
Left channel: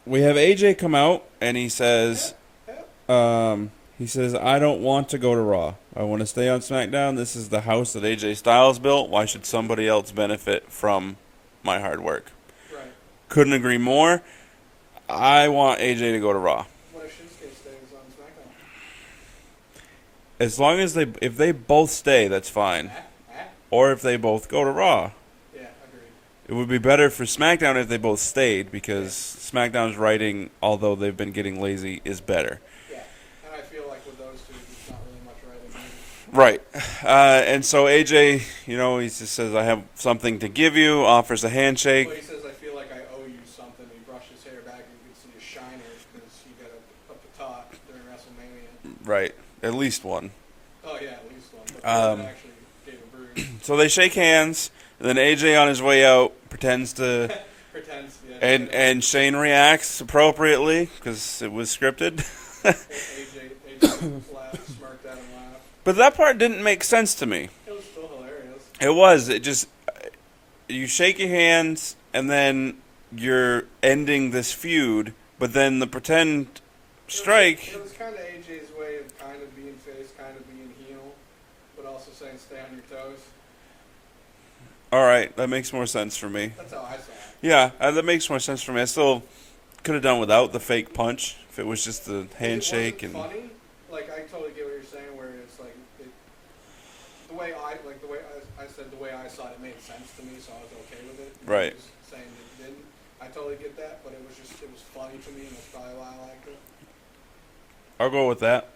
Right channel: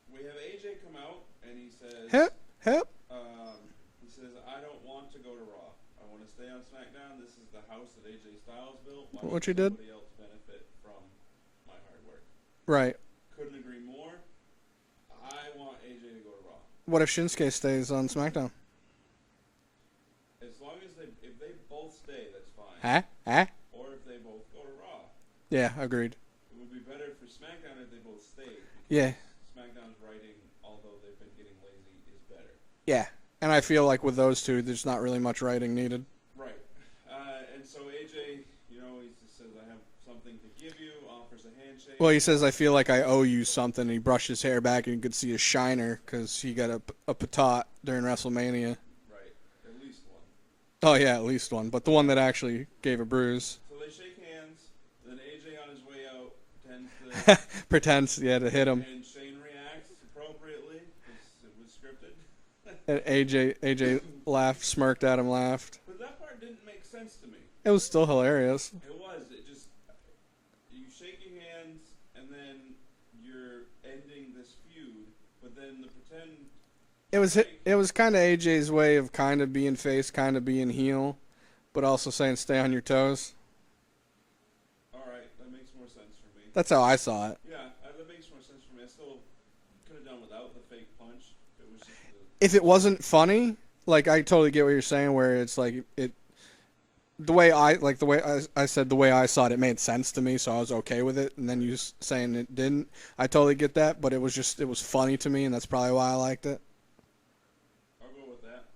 we have AJ come out, and he says, he says, I don't want to go to Raw. I want to stay on SmackDown. This is the house that AJ Styles built. Why should somebody else benefit from my hard work? Right. Couldn't agree more. I want AJ to go to Raw. What if Shinsuke stays on SmackDown? As long as if they both stay, that's fine. Or if they both go to Raw. Yeah, agreed. It would be better for SmackDown if they both stayed, because SmackDown's writing, although they've been getting lazy, is better. Yeah. And I feel like with those two, there's not really much writing needed. Right. And so AJ, he just says, I have something to give you, offers a handshake. Well, he says, I feel like I owe you something. He brushed his hair back and you could see a shiner because he got a patat during WrestleMania. Right. At least one. Oh, yeah, at least one. But the one that actually gave a bruise. So they shake hands, and then AJ on his way out pretends to Pretends, yeah, to hit him. and Shane reacts appropriately because it was scripted. AJ laughed, smirked at him, laughed. But that part didn't make sense to me. It was still hilarious. It was. It just you shake your hands and then you're ending this feud, but then the pretend strike. It was kind of AJ's way of kind of being face, kind of being heel, but also saying stay on your toes. All right, that makes more sense for me. That's how I saw it. Yeah, that makes more sense for me. I still could have done without the fake punch if it was just the handshake. If it wasn't funny, like I totally get what you're saying, where it's like it. The way I said, the way I saw it, it made sense to me, so I was okay with it. And then you saying it didn't, I totally get that, but it was funny to me, and that's probably why I liked it. I'll go with that.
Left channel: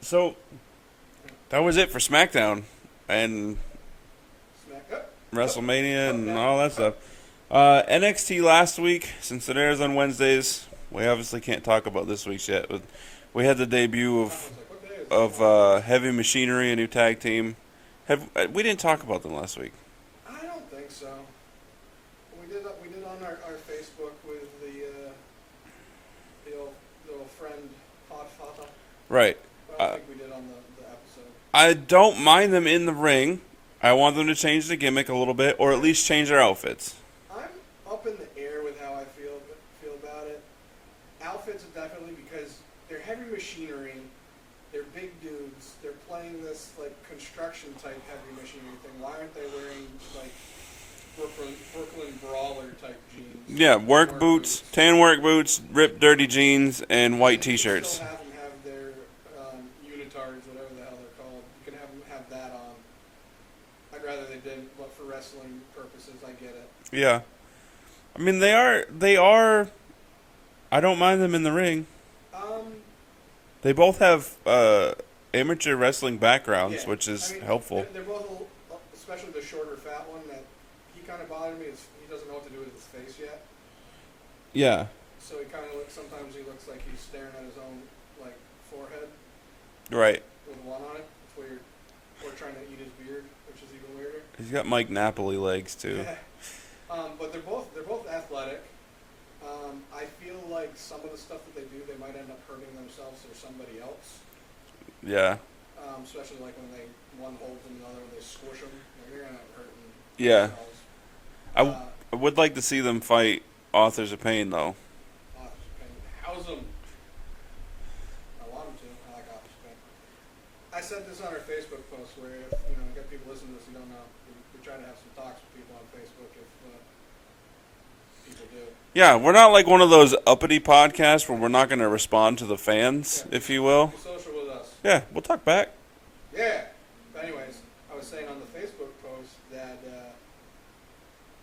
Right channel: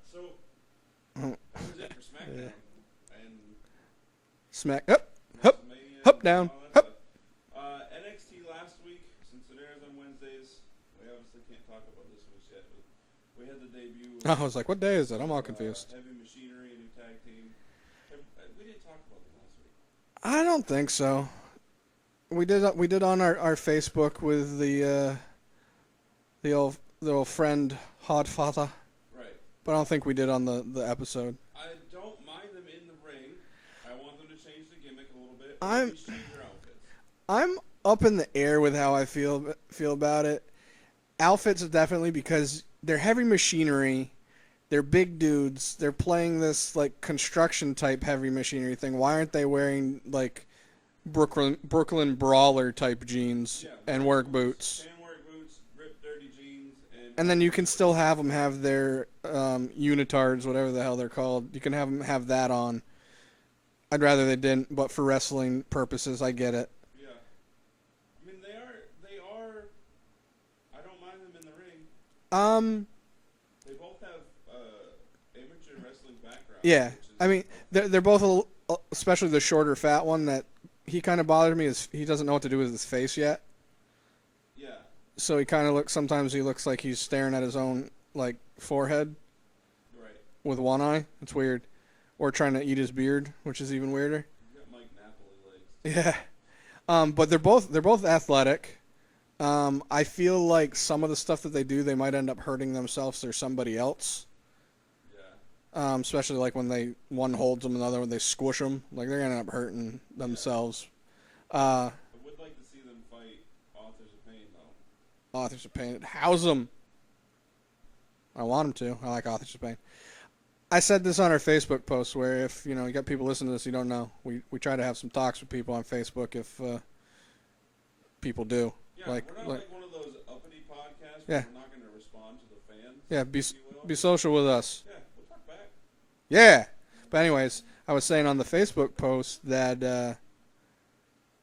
So that was it for SmackDown and WrestleMania and all that stuff. NXT last week, since it airs on Wednesdays, we obviously can't talk about this week's yet. But we had the debut of, I was like, what day is it? Heavy Machinery, a new tag team. We didn't talk about them last week. I don't think so. We did on our Facebook with the old friend Hodfather. Right. But I don't think we did on the episode. I don't mind them in the ring. I want them to change the gimmick a little bit, or at least change their outfits. I'm up in the air with how I feel about it. Outfits definitely, because they're heavy machinery. They're big dudes. They're playing this like construction type heavy machinery thing. Why aren't they wearing like Brooklyn Brawler type jeans? Yeah, work boots, tan work boots, ripped dirty jeans, and white T-shirts. You can still have them have their unitards, whatever the hell they're called. You can have them have that on. I'd rather they didn't, but for wrestling purposes, I get it. Yeah. I mean, they are. I don't mind them in the ring. They both have amateur wrestling backgrounds, which is helpful. They're both, especially the shorter, fat one. That he kind of bothered me is he doesn't know what to do with his face yet. Yeah. So he kind of looks. Sometimes he looks like he's staring at his own like forehead. Right. With one eye. It's weird. Or trying to eat his beard, which is even weirder. He's got Mike Napoli legs too. Yeah. But they're both athletic. I feel like some of the stuff that they do, they might end up hurting themselves or somebody else. Yeah. Especially like when one holds them, another one they squish them. Like they're gonna end up hurting themselves. I would like to see them fight Authors of Pain though. Authors of Pain, house them. I want them to. I like Authors of Pain. I said this on our Facebook post where if you got people listening to this you don't know, we try to have some talks with people on Facebook if people do. Yeah, we're not like one of those uppity podcasts where we're not going to respond to the fans, if you will. Be social with us. Yeah, we'll talk back. Yeah. But anyways, I was saying on the Facebook post that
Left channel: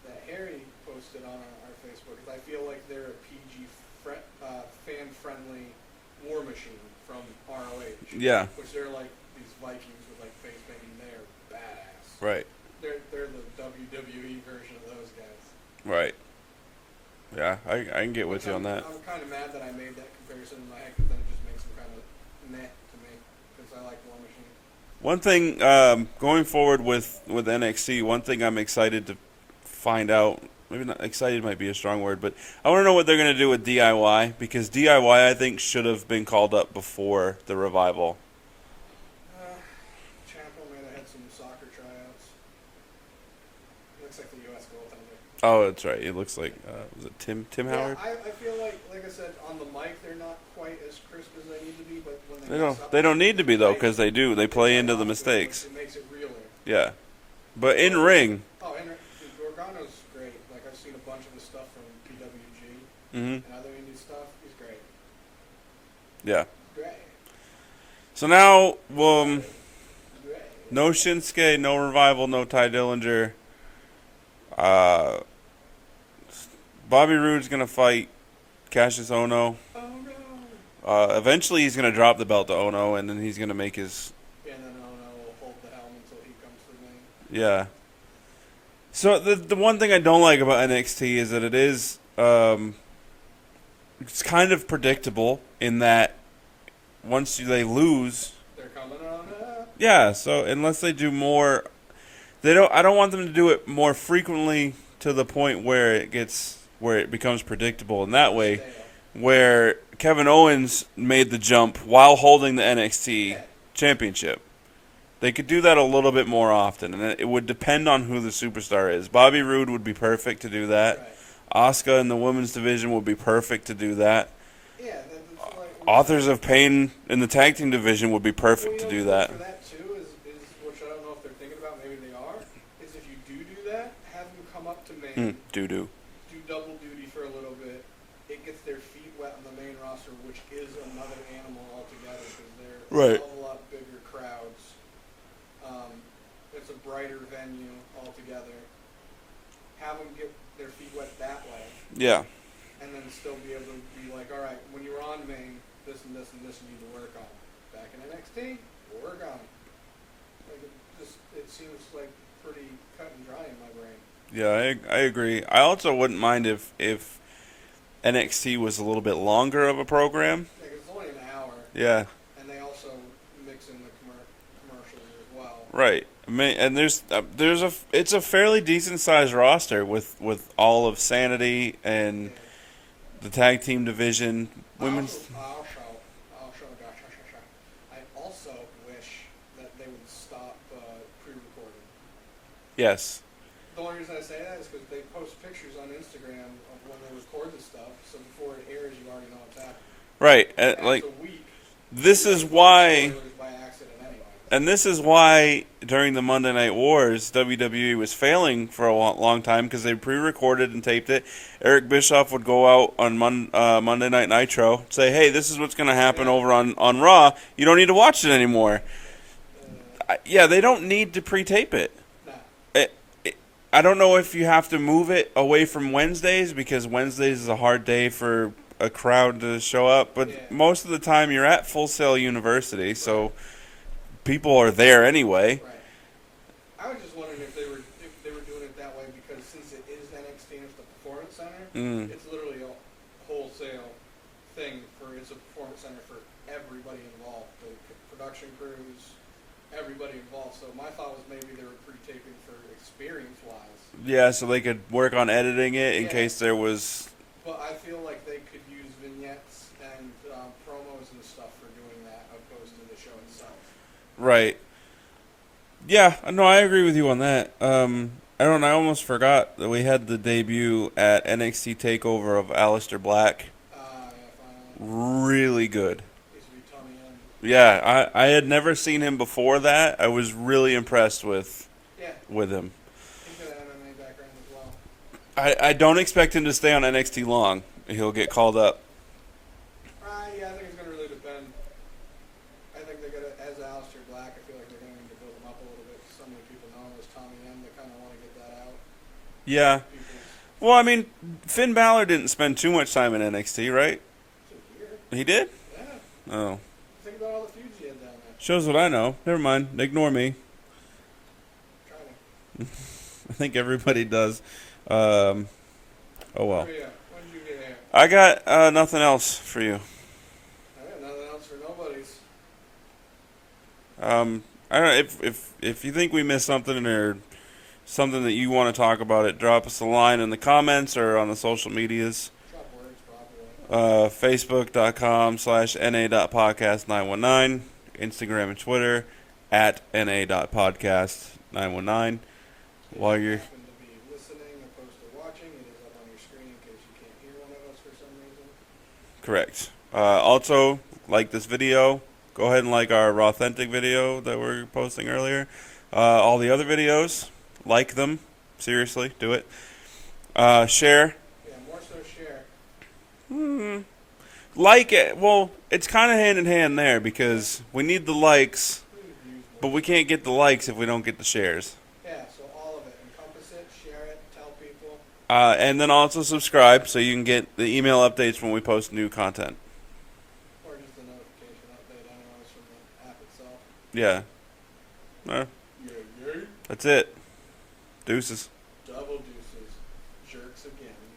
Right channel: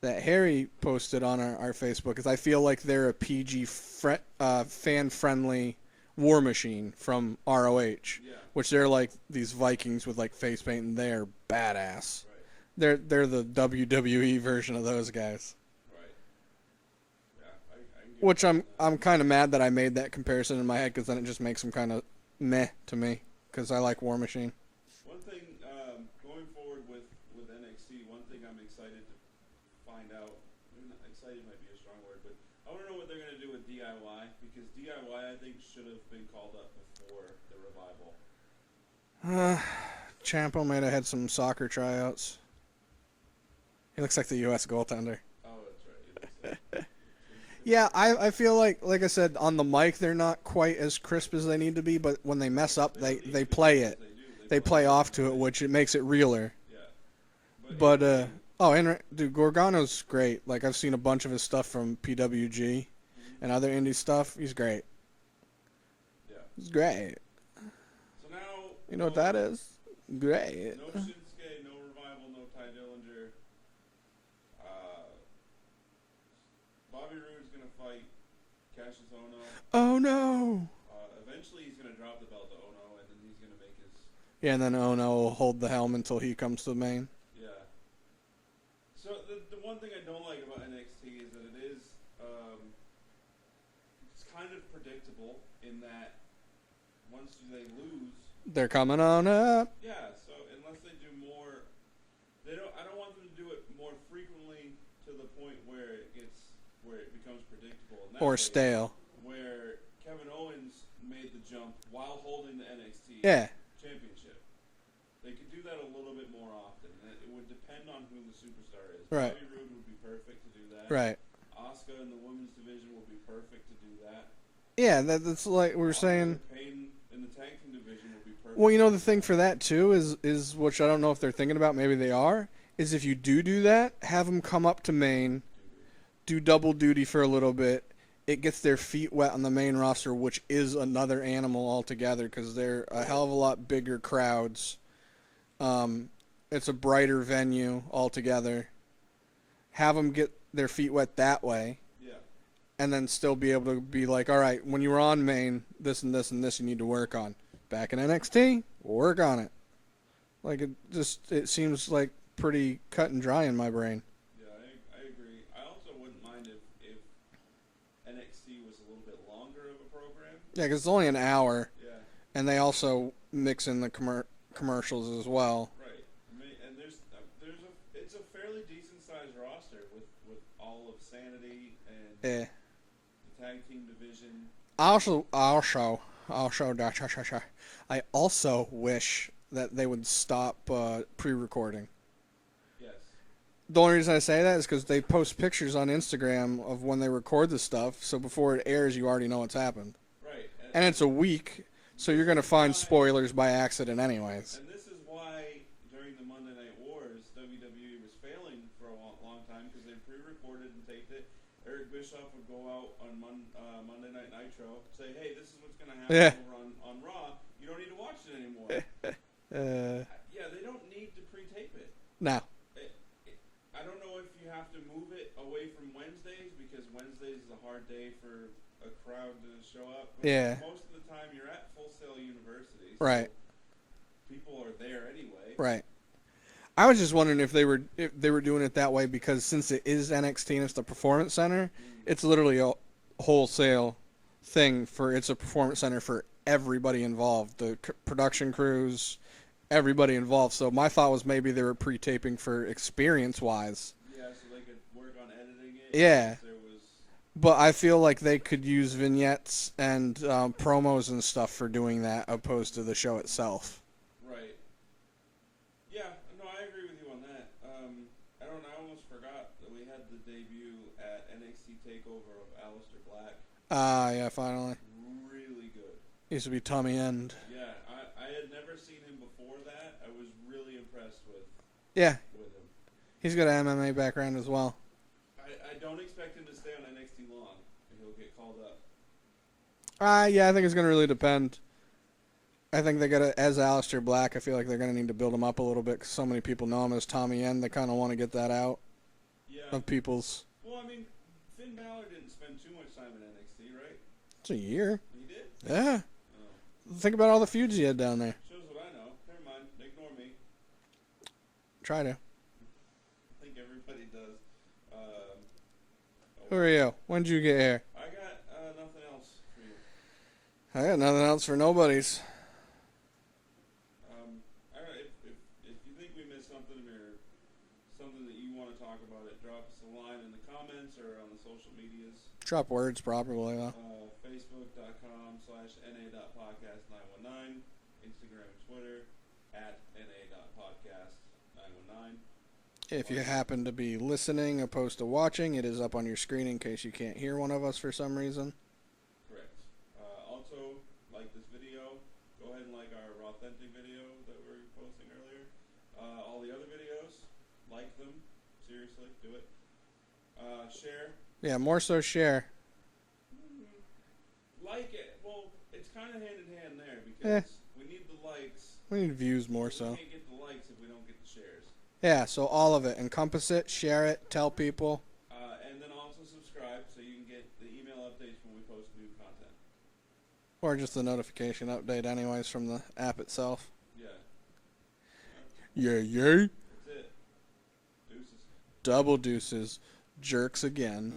that Harry posted on our Facebook is I feel like they're a PG fan-friendly War Machine from ROH. Yeah. Which they're like these Vikings with like face paint and they're badass. Right. They're the WWE version of those guys. Right. Yeah, I can get with you on that. I'm kind of mad that I made that comparison in my head because then it just makes them kind of meh to me because I like War Machine. One thing, going forward with NXT, one thing I'm excited to find out, maybe not excited might be a strong word, but I want to know what they're going to do with DIY because DIY I think should have been called up before the revival. Ciampa might have had some soccer tryouts. He looks like the U.S. goaltender. Oh, that's right. It looks like was it Tim Howard? Yeah, I feel like I said, on the mic they're not quite as crisp as they need to be, but when they mess up, they don't need to be though because they do. They play into the mistakes, which it makes it realer. Yeah, but in ring. Dude, Gargano's great. Like I've seen a bunch of his stuff from PWG and other indie stuff. He's great. Yeah, he's great. So now, great. No Shinsuke, no Revival, no Ty Dillinger. Bobby Roode's going to fight Cassius Ohno. Oh, no. Eventually he's going to drop the belt to Ohno, and then he's going to make his... Yeah, and then Ohno will hold the helm until he comes to the main. Yeah. So the one thing I don't like about NXT is that it is... it's kind of predictable in that once they lose... They're coming on up. Yeah, so unless they do more... I don't want them to do it more frequently to the point where it becomes predictable in that Or way. stale. Where Kevin Owens made the jump while holding the NXT championship. They could do that a little bit more often, and it would depend on who the superstar is. Right. Bobby Roode would be perfect to do that. Right. Asuka in the women's division would be perfect to do that. Yeah, that's like we're Authors saying. of Pain in the tag team division would be perfect Well, you know, to do the thing that. for that too is which I don't know if they're thinking about. Maybe they are. Is if you do that, have them come up to main, Doo-doo. do double duty for a little bit. It gets their feet wet on the main roster, which is another animal altogether because they're a hell of a lot bigger crowds. It's a brighter venue altogether. Have them get their feet wet that way. Yeah. And then still be able to be like, all right, when you were on main, this and this and this you need to work on. Back in NXT, we'll work on it. Like, it seems like pretty cut and dry in my brain. Yeah, I agree. I also wouldn't mind if NXT was a little bit longer of a program. Yeah, because it's only an hour. Yeah. And they also mix in the commercials as well. Right. And it's a fairly decent sized roster with all of Sanity and the tag team division. I also wish that they would stop pre-recording. Yes. The only reason I say that is because they post pictures on Instagram of when they record the stuff, so before it airs, you already know what's happened. Right. And it's a week. This so you're is gonna find why spoilers by accident, anyways. And this is why during the Monday Night Wars, WWE was failing for a long time because they pre-recorded and taped it. Eric Bischoff would go out on Monday Night Nitro, say, "Hey, this is what's going to happen over on Raw. You don't need to watch it anymore." They don't need to pre-tape it. No. I don't know if you have to move it away from Wednesdays because Wednesdays is a hard day for a crowd to show up, but most of the time you're at Full Sail University, so people are there anyway. Right. I was just wondering if they were doing it that way because since it is NXT and it's the Performance Center, it's literally a wholesale thing it's a Performance Center for everybody involved, the production crews, everybody involved. So my thought was maybe they were pre-taping for experience-wise. Yeah, so they could work on editing it in case there was... But I feel like they could use vignettes and promos and stuff for doing that opposed to the show itself. Right. Yeah, no, I agree with you on that. I almost forgot that we had the debut at NXT TakeOver of Aleister Black. Yeah, finally. Really good. Used to be Tommy End. Yeah, I had never seen him before that. I was really impressed with him. He's got an MMA background as well. I don't expect him to stay on NXT long. He'll get called up. I think it's going to really depend. I think they got to, as Aleister Black, I feel like they're going to need to build him up a little bit because so many people know him as Tommy End. They kind of want to get that out. Yeah. Well, I mean, Finn Balor didn't spend too much time in NXT, right? It's a year. He did? Yeah. Oh. Think about all the feuds he had down there. Shows what I know. Never mind. Ignore me. Try to. I think everybody does. Oh well. Where are you? When did you get here? I got nothing else for you. I got nothing else for nobody's. I don't know if you think we missed something or something that you want to talk about it, drop us a line in the comments or on the social medias. Drop words properly. Facebook.com/na.podcast919, Instagram and Twitter @na.podcast919. If you happen to be listening opposed to watching, it is up on your screen in case you can't hear one of us for some reason. Correct. Also, like this video. Go ahead and like our Rawthentic video that we're posting earlier. All the other videos, like them. Seriously, do it. Share. Yeah, more so share. Like it. Well, it's kind of hand in hand there because we need the likes. We need views more. But we can't get the likes if we don't get the shares. Yeah, so all of it. Encompass it, share it, tell people. And then also subscribe so you can get the email updates when we post new content. Or just the notification update anyways from the app itself. Yeah. Yay. That's it. Deuces. Double deuces. Jerks again.